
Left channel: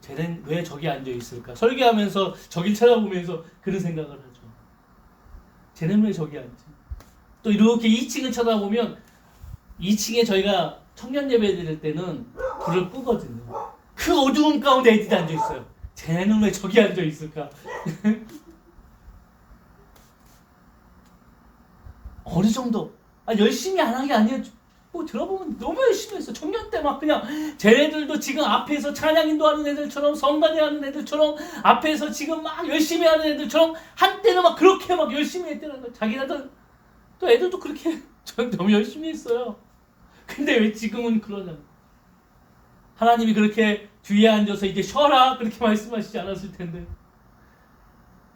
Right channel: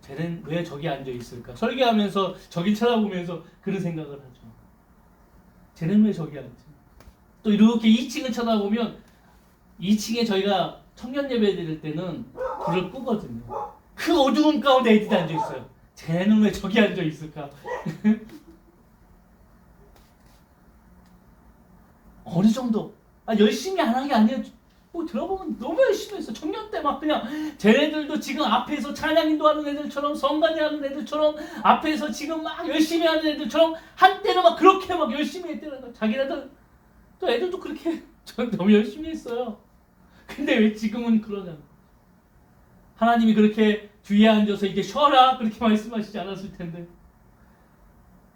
쟤는 왜 저기 앉아 있을까? 설계하면서 저길 쳐다보면서 그런 생각을 하죠. 쟤는 왜 저기 앉지? 또 이렇게 2층을 쳐다보면 2층에 저희가 청년 예배 드릴 때는 불을 끄거든요. 그 어두운 가운데 애들이 앉아 있어요. 쟤는 왜 저기 앉아 있을까? 어느 정도 열심히 안 한 게 아니라 뭐 들어보면 너무 열심히 했어. 청년 때 막 그냥 쟤네들도 지금 앞에서 찬양인도 하는 애들처럼 성가대 하는 애들처럼 앞에서 지금 막 열심히 하는 애들처럼 한때는 막 그렇게 막 열심히 했다는 거야. 자기네들 또 애들도 그렇게 너무 열심히 했어요. 근데 왜 지금은 그러냐고. 하나님이 그렇게 뒤에 앉아서 이제 쉬어라 그렇게 말씀하시지 않았을 텐데.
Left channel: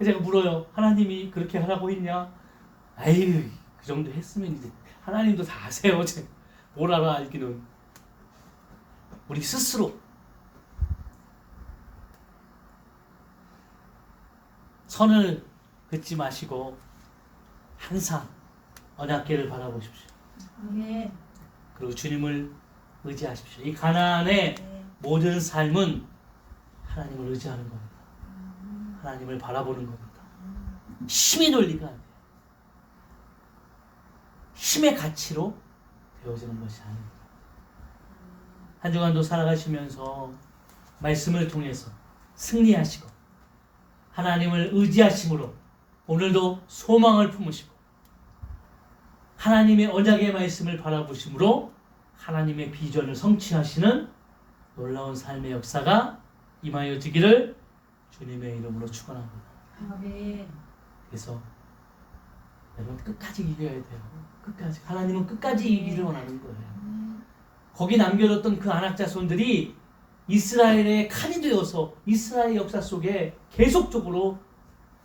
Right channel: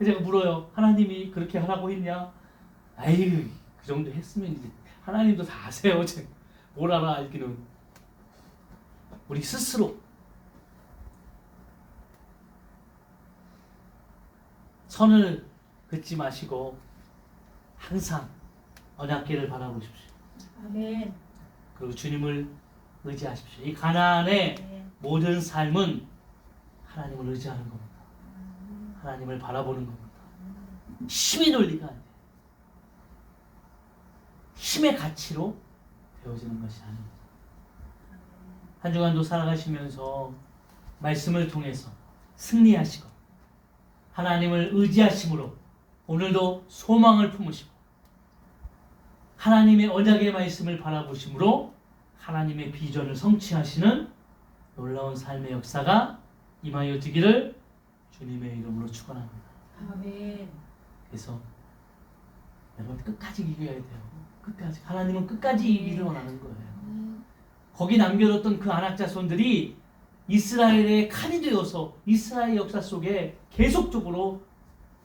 제가 물어요. 하나님이 그렇게 하라고 했냐? 아유 그 정도 했으면 이제 하나님도 다 아세요. 뭘 알아 알기는. 우리 스스로 선을 긋지 마시고 항상 언약궤를 바라보십시오. 아멘. 그리고 주님을 의지하십시오. 이 가나안의 모든 삶은 하나님을 의지하는 겁니다. 하나님을 바라보는 겁니다. 힘의 논리가 아니에요. 힘의 가치로 되어지는 것이 아닙니다. 한 주간도 살아가시면서 말씀을 통해서 승리하시고 하나님을 의지하심으로 오늘도 소망을 품으시고 하나님의 언약의 말씀을 바라보심으로 하나님의 비전을 성취하시는 놀라운 삶의 역사가 임하여지기를 주님의 이름으로 축원합니다. 아멘. 그래서 여러분 끝까지 이겨야 돼요. 끝까지. 하나님은 끝까지 이기를 원하는 거예요. 거기 남겨뒀던 그 안악 자손들이 이스라엘의 칼이 되어서 이스라엘 역사 속에 계속적으로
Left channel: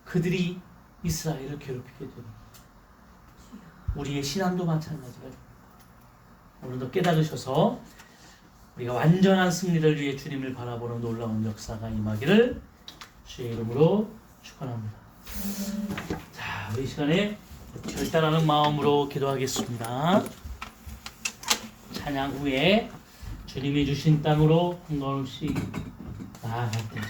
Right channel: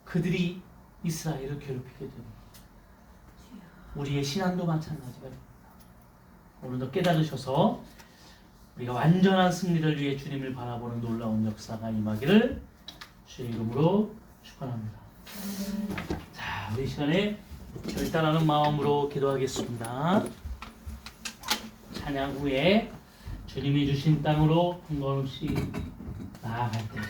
그들이 이스라엘을 괴롭히게 됩니다. 우리의 신앙도 마찬가지가 됩니다. 오늘도 깨달으셔서 우리가 완전한 승리를 위해 주님을 바라보는 놀라운 역사가 임하기를 주의 이름으로 축원합니다. 자, 우리 시간에 결단하는 마음으로 기도하겠습니다. 찬양 후에 주님이 주신 땅으로 한걸음씩 나아갈 때